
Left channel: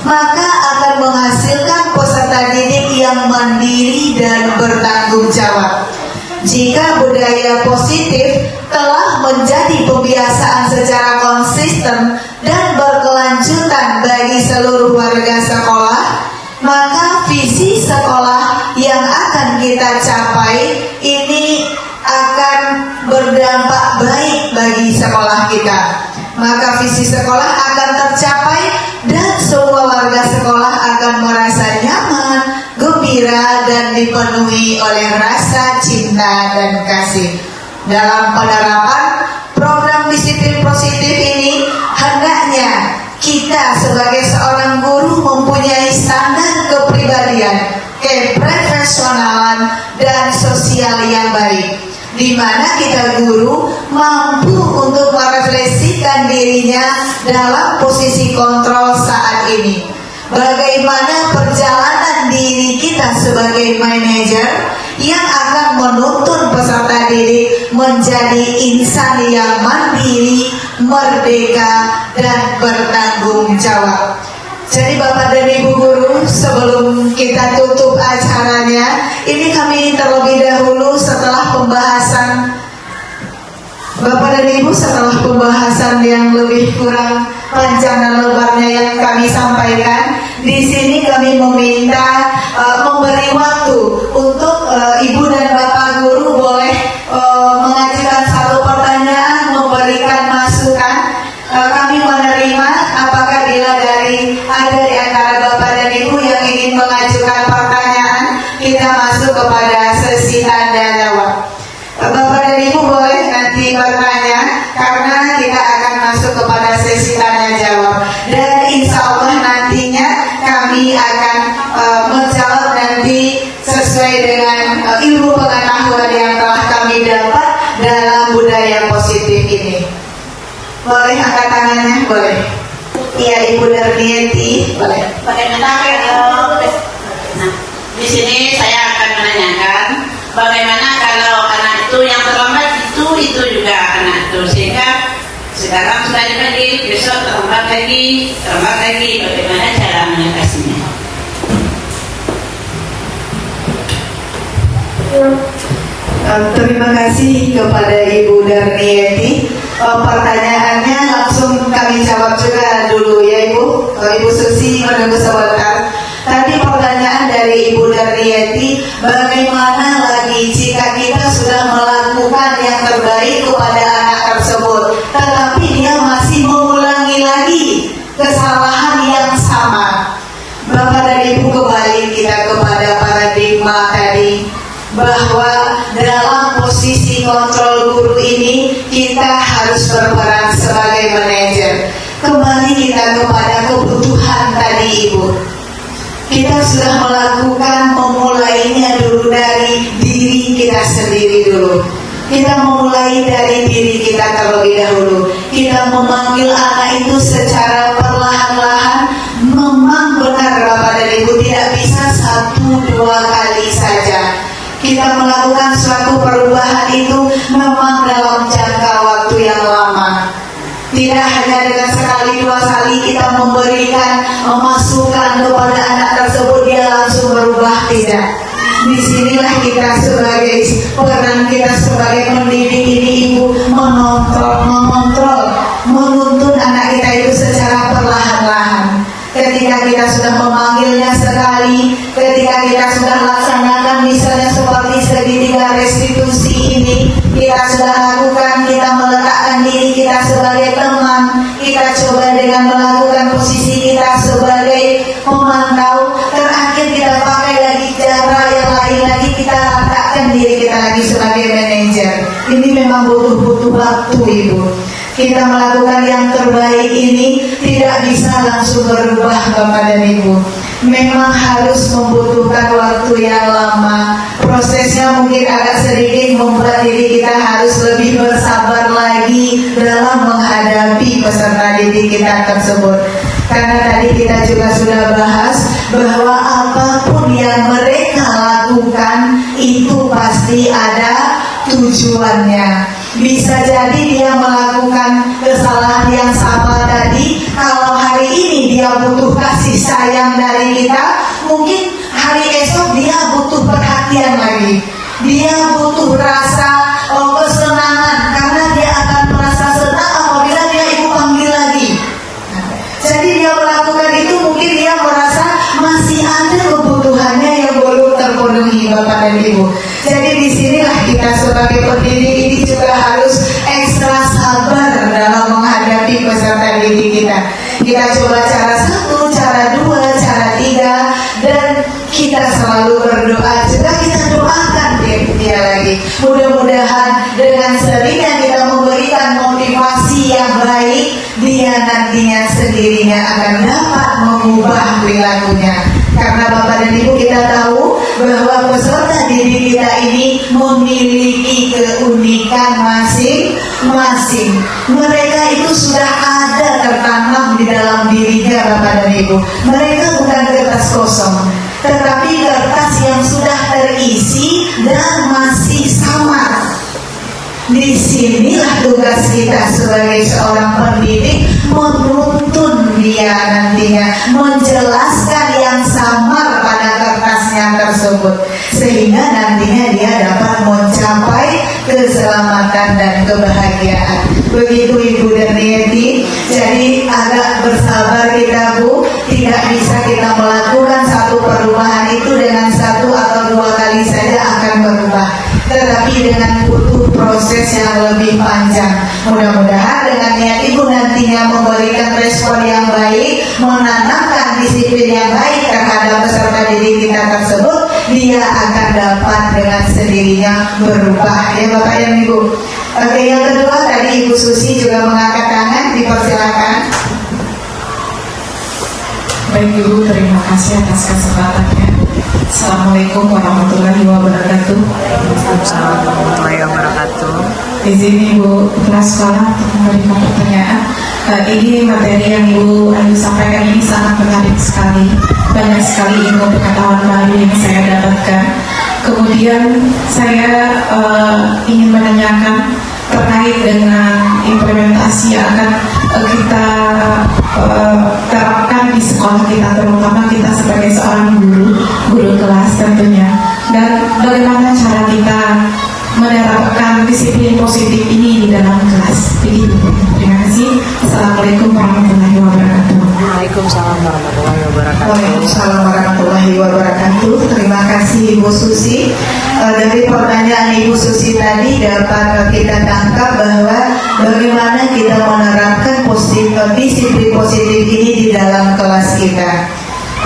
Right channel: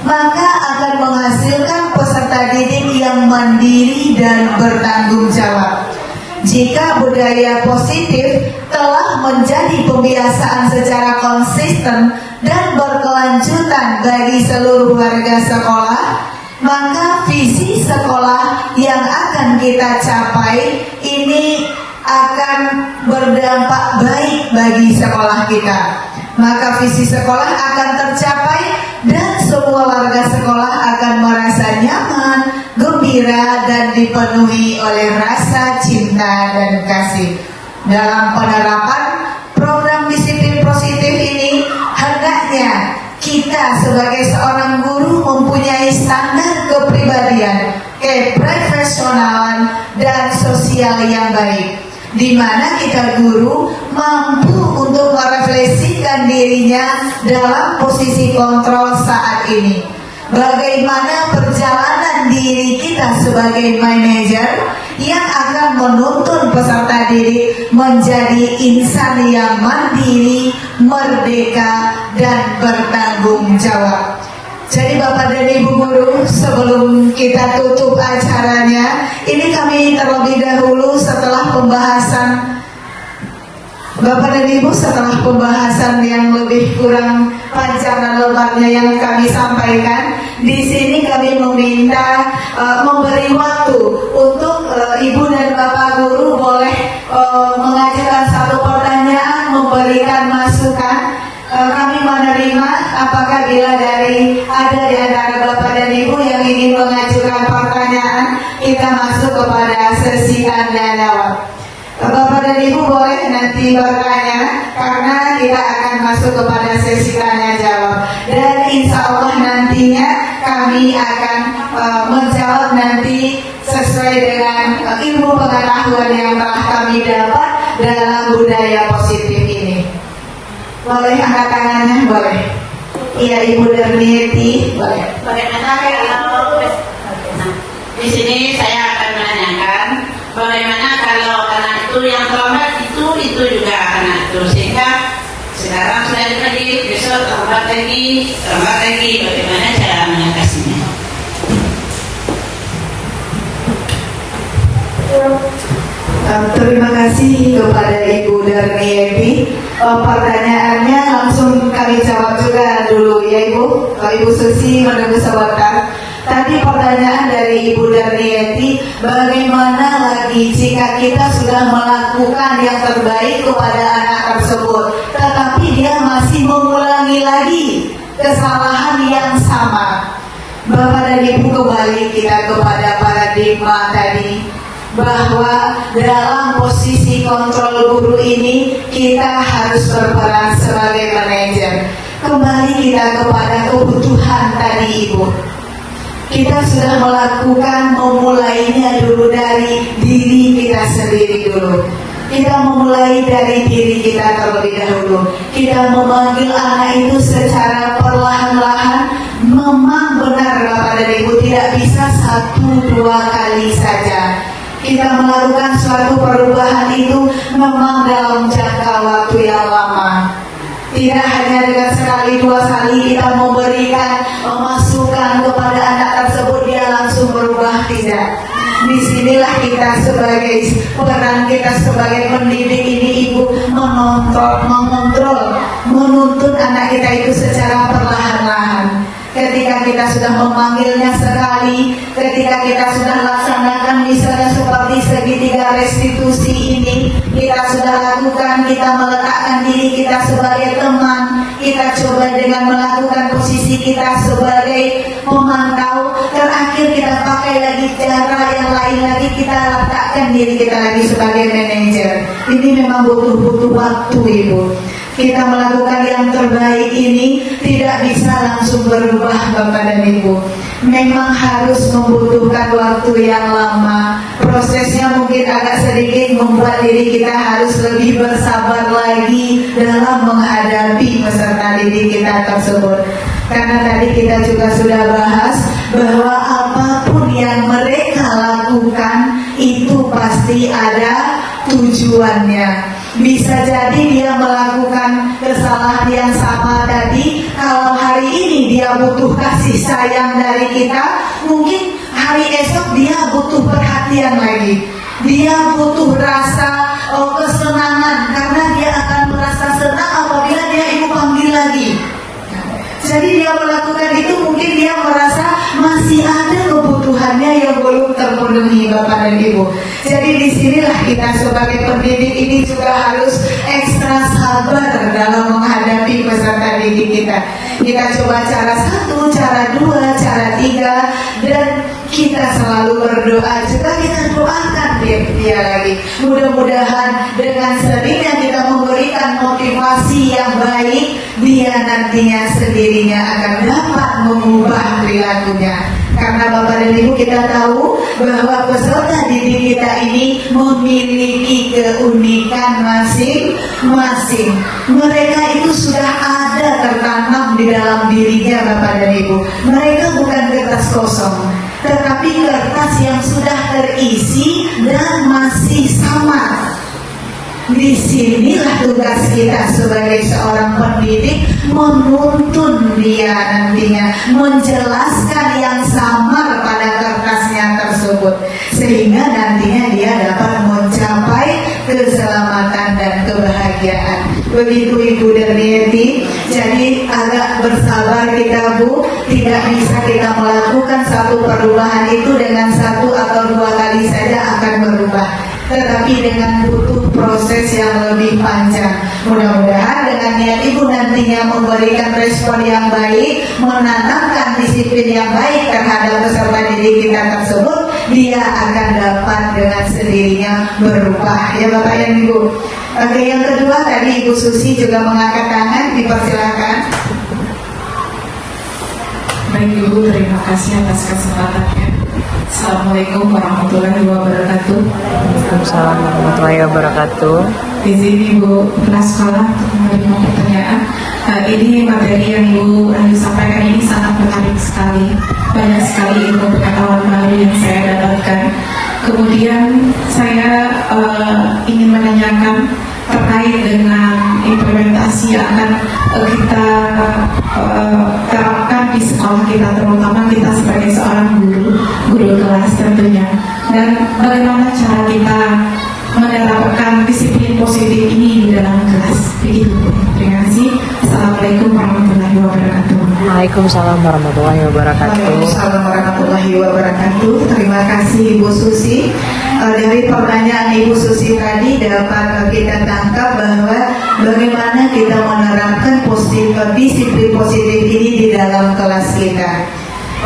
maka akan menghasilkan peserta didik yang mandiri dan bertanggung jawab. Jika budaya positif telah menjadi pembiasaan secara konsisten dan berkelanjutan bagi seluruh warga sekolah, maka visi sekolah yang akan kita capai ini akan berdampak baik bagi sekolah kita. Maka visi sekolah akan tercapai dan semua warga sekolah akan merasa nyaman, gembira, dan dipenuhi oleh rasa cinta dan kasih. Dalam penerapan program disiplin positif ini, hendaknya kita sebagai seorang guru mempunyai standar kepribadian, keprofesionalan, dan sosial yang baik, di mana kita guru mampu untuk merefleksikan dirinya dalam posisi kontrol saat ini. Bagaimana perjalanan diri kita sebagai manajer yang akan menuntun peserta didik menjadi insan yang mandiri, merdeka, dan bertanggung jawab. Jadi Bapak dan Ibu guru, sebelum kita tutup acaranya, ini kami terlebih dahulu setelah pembahasan Bapak dan Ibu, setelah pembahasan yang lebih kurang panjang dan lebarnya yang kami sampaikan, di sini kami meminta memberi waktu untuk Ibu dan Bapak guru boleh mengajukan satu pertanyaan, memberikan masukan. Kami menerima apabila ada di antara Bapak dan Ibu yang ingin mengajukan pertanyaan, kita masuk kepada sesi tanya jawab. Bapak dan Ibu boleh nanti bertanya karena kita akan masuk kepada sesi tanya jawab, dan insya Allah nantinya kami akan menjawab nanti sesuai dengan ilmu pengetahuan yang telah kami dapat dalam budaya positif ini. Boleh angkat tangannya? Boleh. Iya, Ibu Darmieti, boleh. Bagaimana kalau di sini saya akan menanyakan bagaimana kalau anak itu yang terlambat itu juga anak itu, sehingga sekarang sudah lagi, besok terlambat lagi, bagaimana cara mengatasinya? Terima kasih kepada Ibu Darmieti. Pertanyaannya langsung kami jawab juga dulu ya Ibu. Ibu Susi. Ibu kembali kita kepada paradigma tadi, bahwa dalam posisi kontrol guru ini kita harus berperan sebagai manajer. Kembali kita kepada kebutuhan tadi Ibu. Kita sudah melakukan memulainya dulu dari diri kita sendiri dulu. Kita memulai dari diri kita terlebih dahulu. Kita memanggil anak itu secara perlahan-lahan. Memang benar Bapak dan Ibu, tidak bisa 1-2 kali saja. Kita melakukan suatu perubahan itu memang dalam jangka waktu yang lama. Tidak hanya dengan sekali 2 kali kita memberikan masukan kepada anak tersebut dia langsung berubah, tidak. Disinilah kita sebagai peran kita sebagai pendidik ini Ibu mengontrol, menuntun anak kita itu secara perlahan-lahan. Ketika kita sudah memanggilnya sekali, ketika kita sudah laksanakan misalnya seperti segitiga restitusi ini, kita sudah lakukan, kita meletakkan diri kita sebagai teman, kita coba dengan melakukan posisi kita sebagai pemantau, terakhir kita pakai lagi cara yang lain lagi, kita letakkan diri kita lagi sebagai manajer. Ini memang butuh waktu Ibu. Kita melakukan yang terbaik ini tidak bisa langsung berubah Bapak dan Ibu. Memang harus membutuhkan waktu yang lama. Prosesnya mungkin agak sedikit membuat diri kita harus lebih bersabar lagi dalam menghadapi peserta didik kita tersebut. Karena tadi kita juga sudah bahas bahwa apapun yang mereka lakukan itu pasti ada tujuannya. Bisa jadi dia melakukan kesalahan yang sama tadi. Kalau hari ini dia butuh kasih sayang dari kita, mungkin hari esok dia butuh perhatian lagi. Dia butuh rasa kesenangan, karena dia akan merasa senang apabila dia Ibu panggil lagi. Jadi dia melakukan itu mungkin dia merasa masih ada kebutuhannya yang belum terpenuhi Bapak dan Ibu. Jadi disinilah kita sebagai pendidik ini juga harus ekstra sabar dalam menghadapi peserta didik kita. Kita coba cara 1, cara 2, cara 3, dan kita selalu berdoa juga, kita doakan dia lagi. Mudah-mudahan dengan seringnya kita memberikan motivasi yang baik, dia nantinya sendirinya akan dapat mengubah perilakunya. Karena Bapak dan Ibu kita tahu bahwa peserta didik kita ini memiliki keunikan masing-masing. Mereka itu sudah ada tertanam di dalam dirinya Bapak dan Ibu. Mereka bukan kertas kosong, tetapi kertas yang sudah terisi dan masih sama. Disinilah tugas kita sebagai seorang pendidik, menuntun dia nantinya, menjelaskan yang samar pada kertasnya tersebut, sehingga nantinya dia dapat mencapai keselamatan dan kebahagiaan. Begitu Ibu dan Yeti. Jadi agak bersabar kita Bu, tidak bisa kita melakukan satu perubahan itu dengan 1 atau 2 kali saja akan berubah, tetapi dengan butuh proses yang lebih panjang. Mudah-mudahan dengan niat Ibu nantinya memberikan respon yang baik, menanamkan disiplin yang baik terhadap peserta didik kita tersebut, dia akan dapat dengan sendirinya berubah, ya Bapak dan Ibu. Oke, yang kedua tadi Ibu Susi juga mengangkat tangan, dipersilakan. Baik Ibu, terima kasih atas kesempatannya. Assalamualaikum warahmatullahi wabarakatuh. Assalamualaikum warahmatullahi wabarakatuh. Di sini Ibu Kepala Sekolah untuk memberikan pertanyaan. Ini materi yang Ibu sampaikan ini sangat menarik sekali. Banyak sekali ilmu pengetahuan baru yang saya dapatkan. Kemudian saya ingin menanyakan terkait dengan implementasi yang akan kita terapkan di sekolah kita, terutama kita sebagai seorang guru kelas tentunya. Dan bagaimana cara kita menerapkan disiplin positif ini di dalam kelas. Begitu. Terima kasih. Assalamualaikum warahmatullahi wabarakatuh. Waalaikumsalam warahmatullahi wabarakatuh. Terima kasih Ibu Susi. Dari pertanyaan Ibu Susi tadi dapat kita tangkap bahwa bagaimana kita menerapkan disiplin positif ini di dalam kelas kita.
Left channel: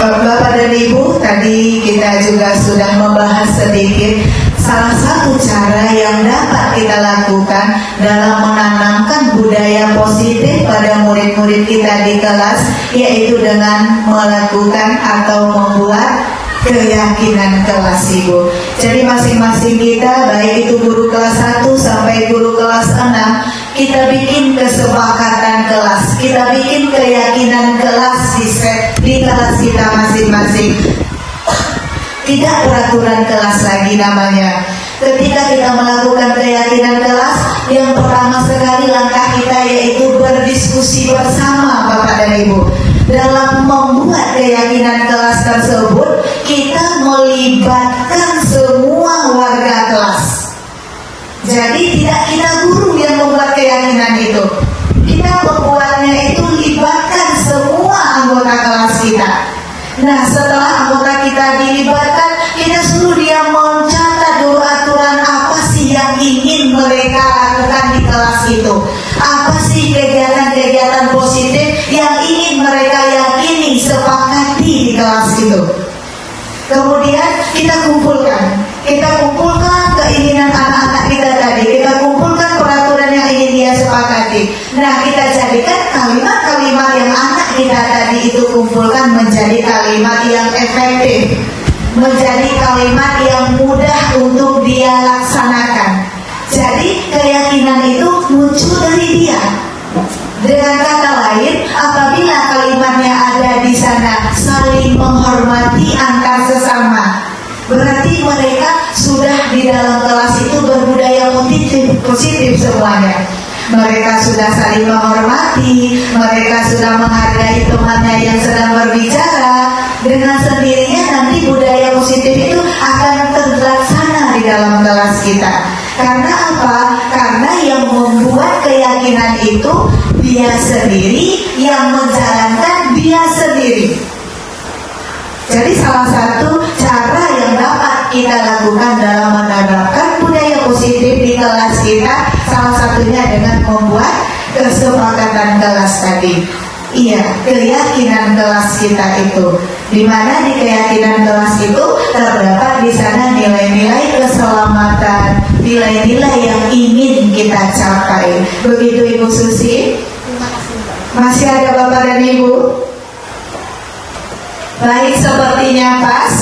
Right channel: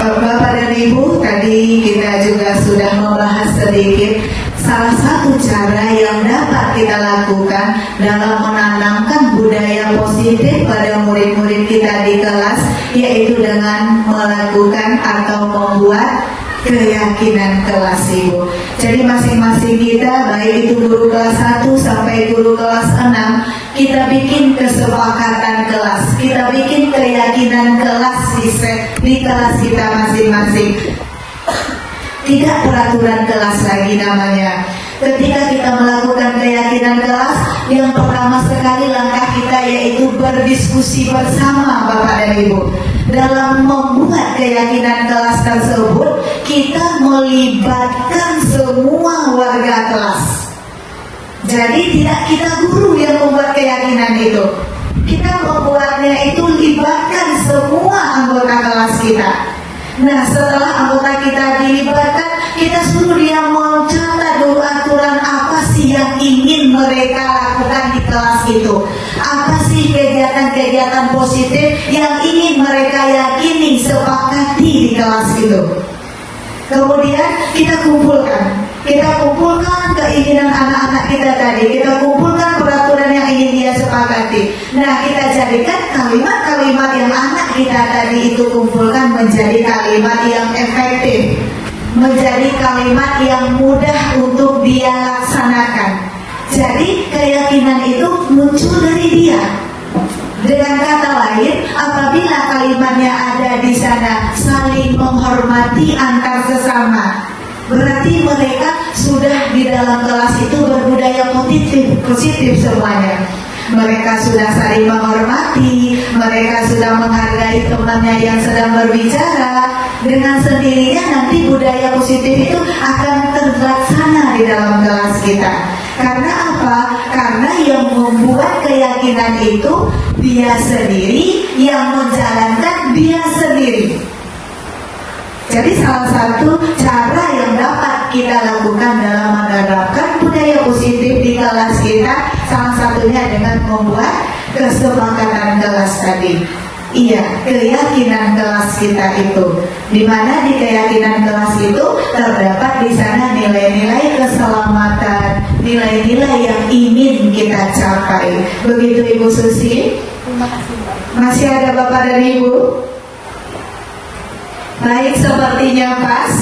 Bapak dan Ibu, tadi kita juga sudah membahas sedikit salah satu cara yang dapat kita lakukan dalam menanamkan budaya positif pada murid-murid kita di kelas, yaitu dengan melakukan atau membuat keyakinan kelas, Ibu. Jadi masing-masing kita, baik itu guru kelas 1 sampai guru kelas 6, kita bikin kesepakatan kelas, kita bikin keyakinan kelas di kelas kita masing-masing. Tidak peraturan kelas lagi namanya. Ketika kita melakukan keyakinan kelas, yang pertama sekali langkah kita yaitu berdiskusi bersama Bapak dan Ibu. Dalam membuat keyakinan kelas tersebut, kita melibatkan semua warga kelas. Jadi tidak kita guru yang membuat keyakinan itu. Kita membuatnya itu libatkan semua anggota kelas kita. Nah, setelah anggota kita dilibatkan, kita suruh dia mencatat dulu aturan apa sih yang ingin mereka lakukan di kelas itu. Apa sih kegiatan-kegiatan positif yang ingin mereka yakini, sepakati di kelas itu. Kemudian kita kumpulkan keinginan anak-anak kita tadi, kita kumpulkan peraturan yang ingin dia sepakati. Nah, kita jadikan kalimat-kalimat yang anak kita tadi itu kumpulkan menjadi kalimat yang efektif, menjadi kalimat yang mudah untuk dia laksanakan. Jadi keyakinan itu muncul dari dia. Dengan kata lain, apabila kalimatnya ada di sana saling menghormati antar sesama, berarti mereka sudah di dalam kelas itu berbudaya positif semuanya. Mereka sudah saling menghormati, mereka sudah menghargai temannya yang sedang berbicara. Dengan sendirinya nanti budaya positif itu akan terlaksana di dalam kelas kita. Karena apa? Karena yang membuat keyakinan itu dia sendiri, yang menjalankan dia sendiri. Jadi salah satu cara yang dapat kita lakukan dalam menerapkan budaya positif di kelas kita, salah satunya dengan membuat kesepakatan kelas tadi. Iya, keyakinan kelas kita itu, di mana di keyakinan kelas itu terdapat di sana nilai-nilai keselamatan, nilai-nilai yang ingin kita capai. Begitu Ibu Susi? Masih ada Bapak dan Ibu? Baik, sepertinya pas.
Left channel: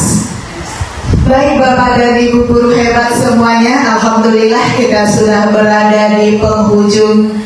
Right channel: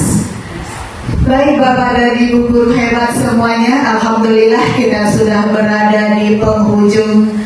Baik Bapak dan Ibu guru hebat semuanya, alhamdulillah kita sudah berada di penghujung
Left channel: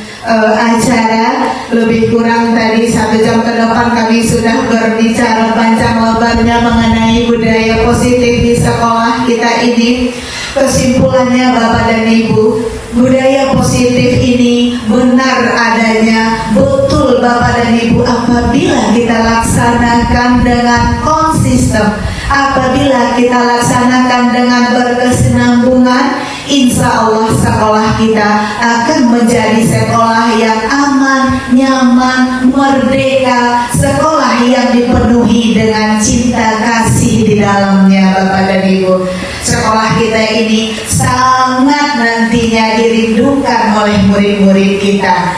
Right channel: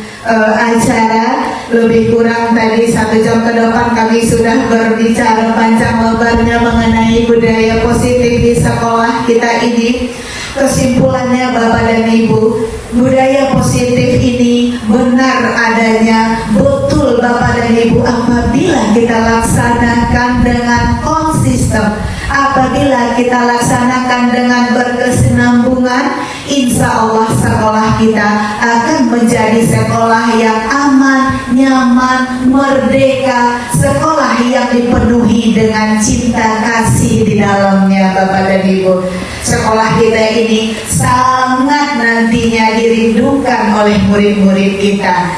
acara. Lebih kurang tadi 1 jam ke depan kami sudah berbicara panjang lebarnya mengenai budaya positif di sekolah kita ini. Kesimpulannya Bapak dan Ibu, budaya positif ini benar adanya, betul Bapak dan Ibu, apabila kita laksanakan dengan konsisten, apabila kita laksanakan dengan berkesinambungan, insya Allah sekolah kita akan menjadi sekolah yang aman, nyaman, merdeka, sekolah yang dipenuhi dengan cinta kasih di dalamnya Bapak dan Ibu. Sekolah kita ini sangat nantinya dirindukan oleh murid-murid kita,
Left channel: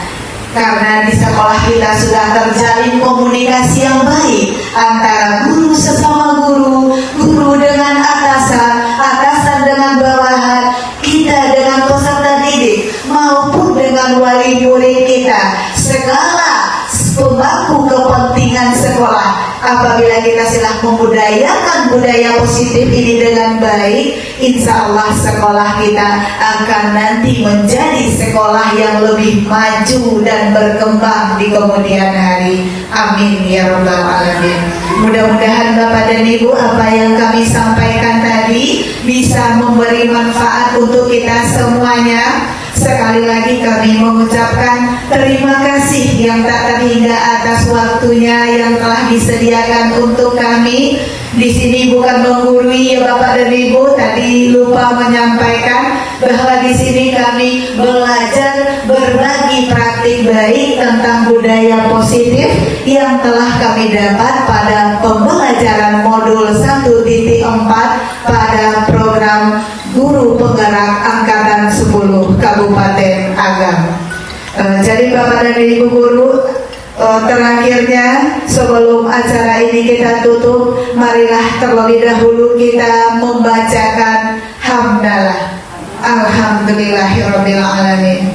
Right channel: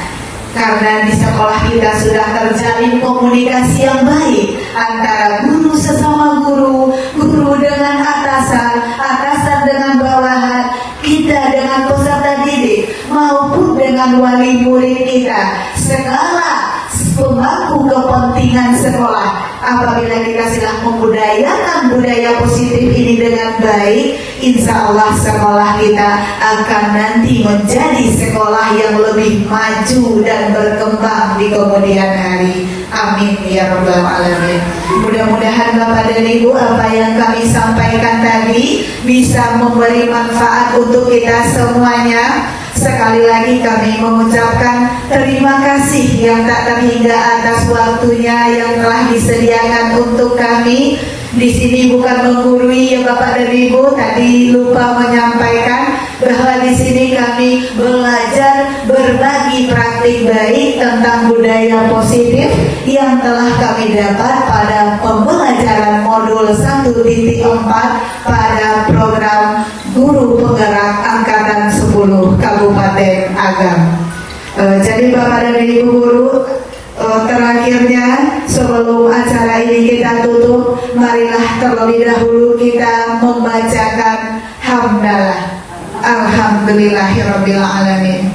karena di sekolah kita sudah terjalin komunikasi yang baik antara guru sesama guru, guru dengan atasan, atasan dengan bawahan, kita dengan peserta didik, maupun dengan wali murid kita, segala pemangku kepentingan sekolah. Apabila kita sedang membudayakan budaya positif ini dengan baik, insya Allah sekolah kita akan nanti menjadi sekolah yang lebih maju dan berkembang di kemudian hari. Amin ya rabbal alamin. Mudah-mudahan Bapak dan Ibu, apa yang kami sampaikan tadi bisa memberi manfaat untuk kita semuanya. Sekali lagi kami mengucapkan terima kasih yang tak terhingga atas waktunya yang telah disediakan untuk kami. Di sini bukan menggurui ya Bapak dan Ibu, tadi lupa menyampaikan bahwa di sini kami belajar berbagi praktik baik tentang budaya positif yang telah kami dapat pada pembelajaran modul 1.4 pada program Guru Penggerak Angkatan 10 Kabupaten Agam. Jadi Bapak dan Ibu guru, terakhirnya sebelum acara ini kita tutup, marilah terlebih dahulu kita membacakan hamdalah. Alhamdulillahirabbil alamin.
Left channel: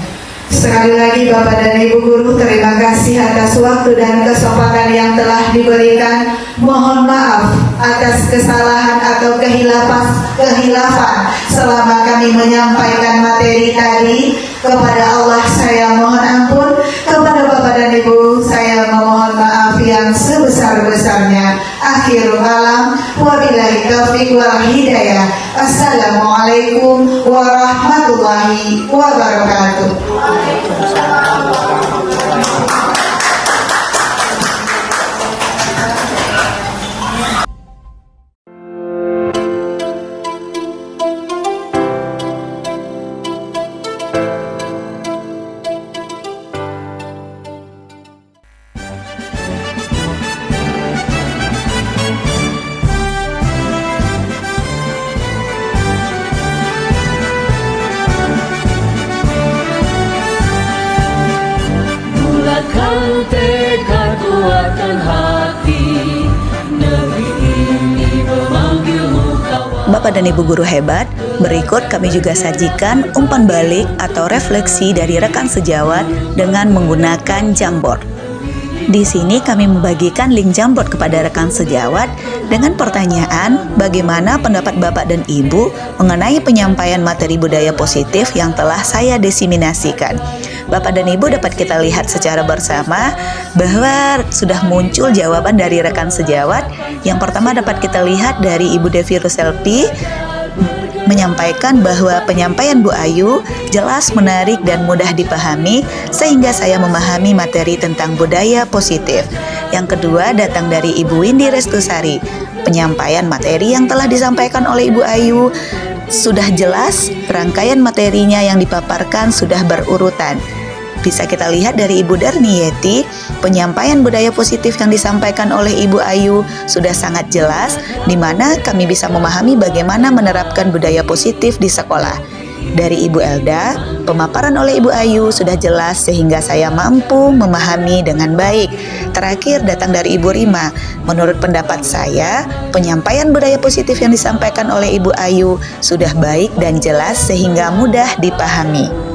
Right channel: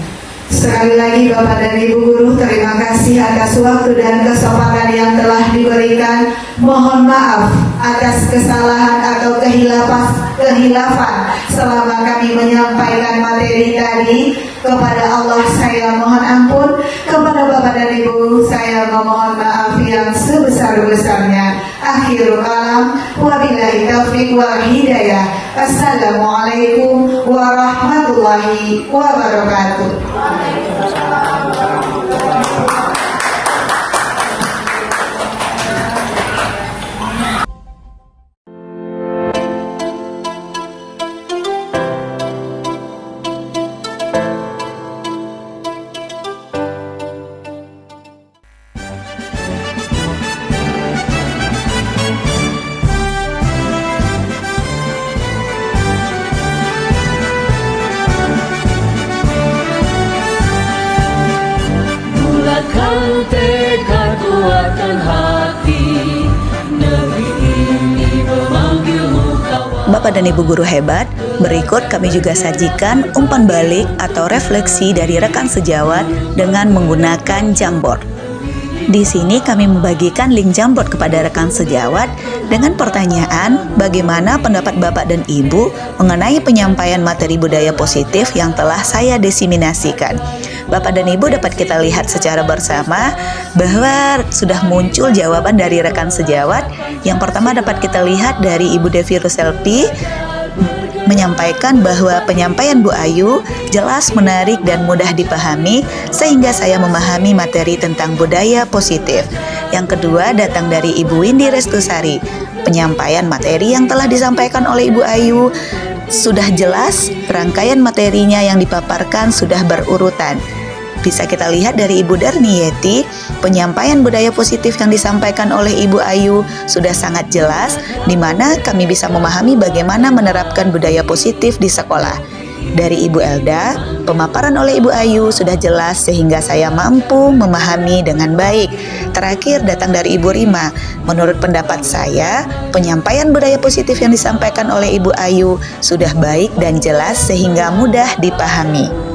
Sekali lagi Bapak dan Ibu Guru, terima kasih atas waktu dan kesempatan yang telah diberikan. Mohon maaf atas kesalahan atau kehilafan selama kami menyampaikan materi tadi. Kepada Allah saya mohon ampun, kepada Bapak dan Ibu saya memohon maaf yang sebesar-besarnya. Akhirul kalam, wabillahi taufiq wal hidayah. Assalamualaikum warahmatullahi wabarakatuh. Bulatkan tekad, kuatkan hati, negeri ini memanggilmu kawan. Bapak dan Ibu Guru hebat, berikut kami juga sajikan umpan balik atau refleksi dari rekan sejawat dengan menggunakan Jamboard. Di sini kami membagikan link Jamboard kepada rekan sejawat dengan pertanyaan bagaimana pendapat Bapak dan Ibu mengenai penyampaian materi budaya positif yang telah saya diseminasikan. Bapak dan Ibu dapat kita lihat secara bersama bahwa sudah muncul jawaban dari rekan sejawat. Yang pertama dapat kita lihat dari Ibu Devi Ruselpi menyampaikan bahwa penyampaian Bu Ayu jelas, menarik, dan mudah dipahami sehingga saya memahami materi tentang budaya positif. Yang kedua datang dari Ibu Windy Restusari. Penyampaian materi yang telah disampaikan oleh Ibu Ayu sudah jelas, rangkaian materinya yang dipaparkan sudah berurutan. Bisa kita lihat dari Ibu Darniyeti, penyampaian budaya positif yang disampaikan oleh Ibu Ayu sudah sangat jelas, di mana kami bisa memahami bagaimana menerapkan budaya positif di sekolah. Dari Ibu Elda, pemaparan oleh Ibu Ayu sudah jelas sehingga saya mampu memahami dengan baik. Terakhir datang dari Ibu Rima. Menurut pendapat saya, penyampaian budaya positif yang disampaikan oleh Ibu Ayu sudah baik dan jelas sehingga mudah dipahami.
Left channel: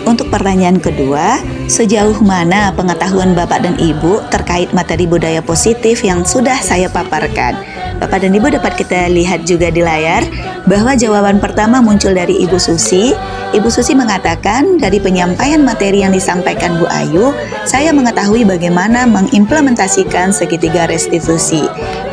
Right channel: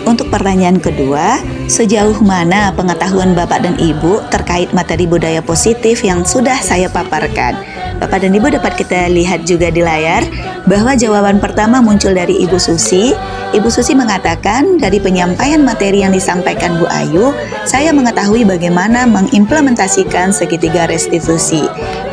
Untuk pertanyaan kedua, sejauh mana pengetahuan Bapak dan Ibu terkait materi budaya positif yang sudah saya paparkan? Bapak dan Ibu dapat kita lihat juga di layar bahwa jawaban pertama muncul dari Ibu Susi. Ibu Susi mengatakan dari penyampaian materi yang disampaikan Bu Ayu, saya mengetahui bagaimana mengimplementasikan segitiga restitusi.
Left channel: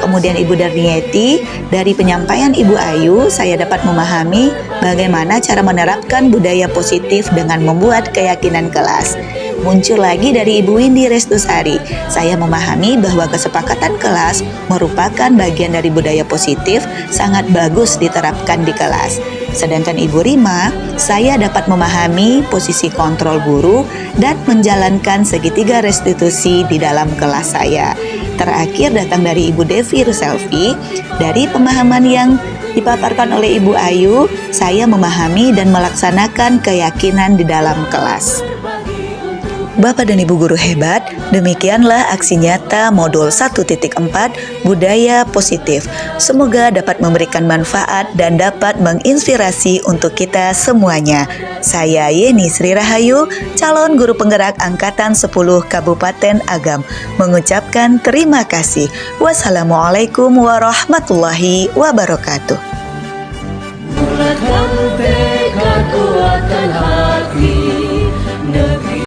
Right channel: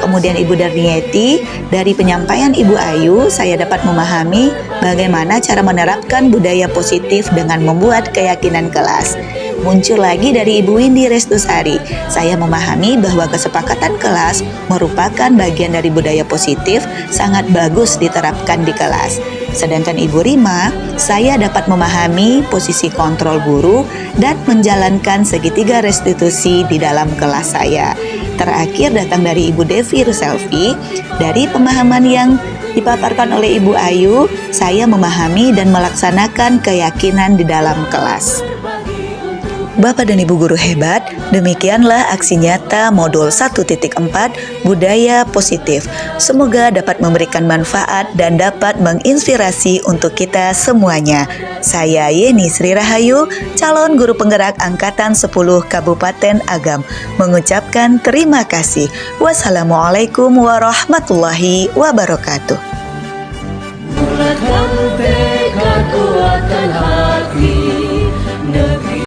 Kemudian Ibu Darniyeti, dari penyampaian Ibu Ayu, saya dapat memahami bagaimana cara menerapkan budaya positif dengan membuat keyakinan kelas. Muncul lagi dari Ibu Windy Restusari, saya memahami bahwa kesepakatan kelas merupakan bagian dari budaya positif sangat bagus diterapkan di kelas. Sedangkan Ibu Rima, saya dapat memahami posisi kontrol guru dan menjalankan segitiga restitusi di dalam kelas saya. Terakhir datang dari Ibu Devi Ruselvi, dari pemahaman yang dipaparkan oleh Ibu Ayu, saya memahami dan melaksanakan keyakinan di dalam kelas. Bapak dan Ibu Guru hebat, demikianlah aksi nyata modul 1.4 Budaya Positif. Semoga dapat memberikan manfaat dan dapat menginspirasi untuk kita semuanya. Saya Yeni Sri Rahayu, calon guru penggerak Angkatan 10 Kabupaten Agam, mengucapkan terima kasih. Wassalamualaikum warahmatullahi wabarakatuh.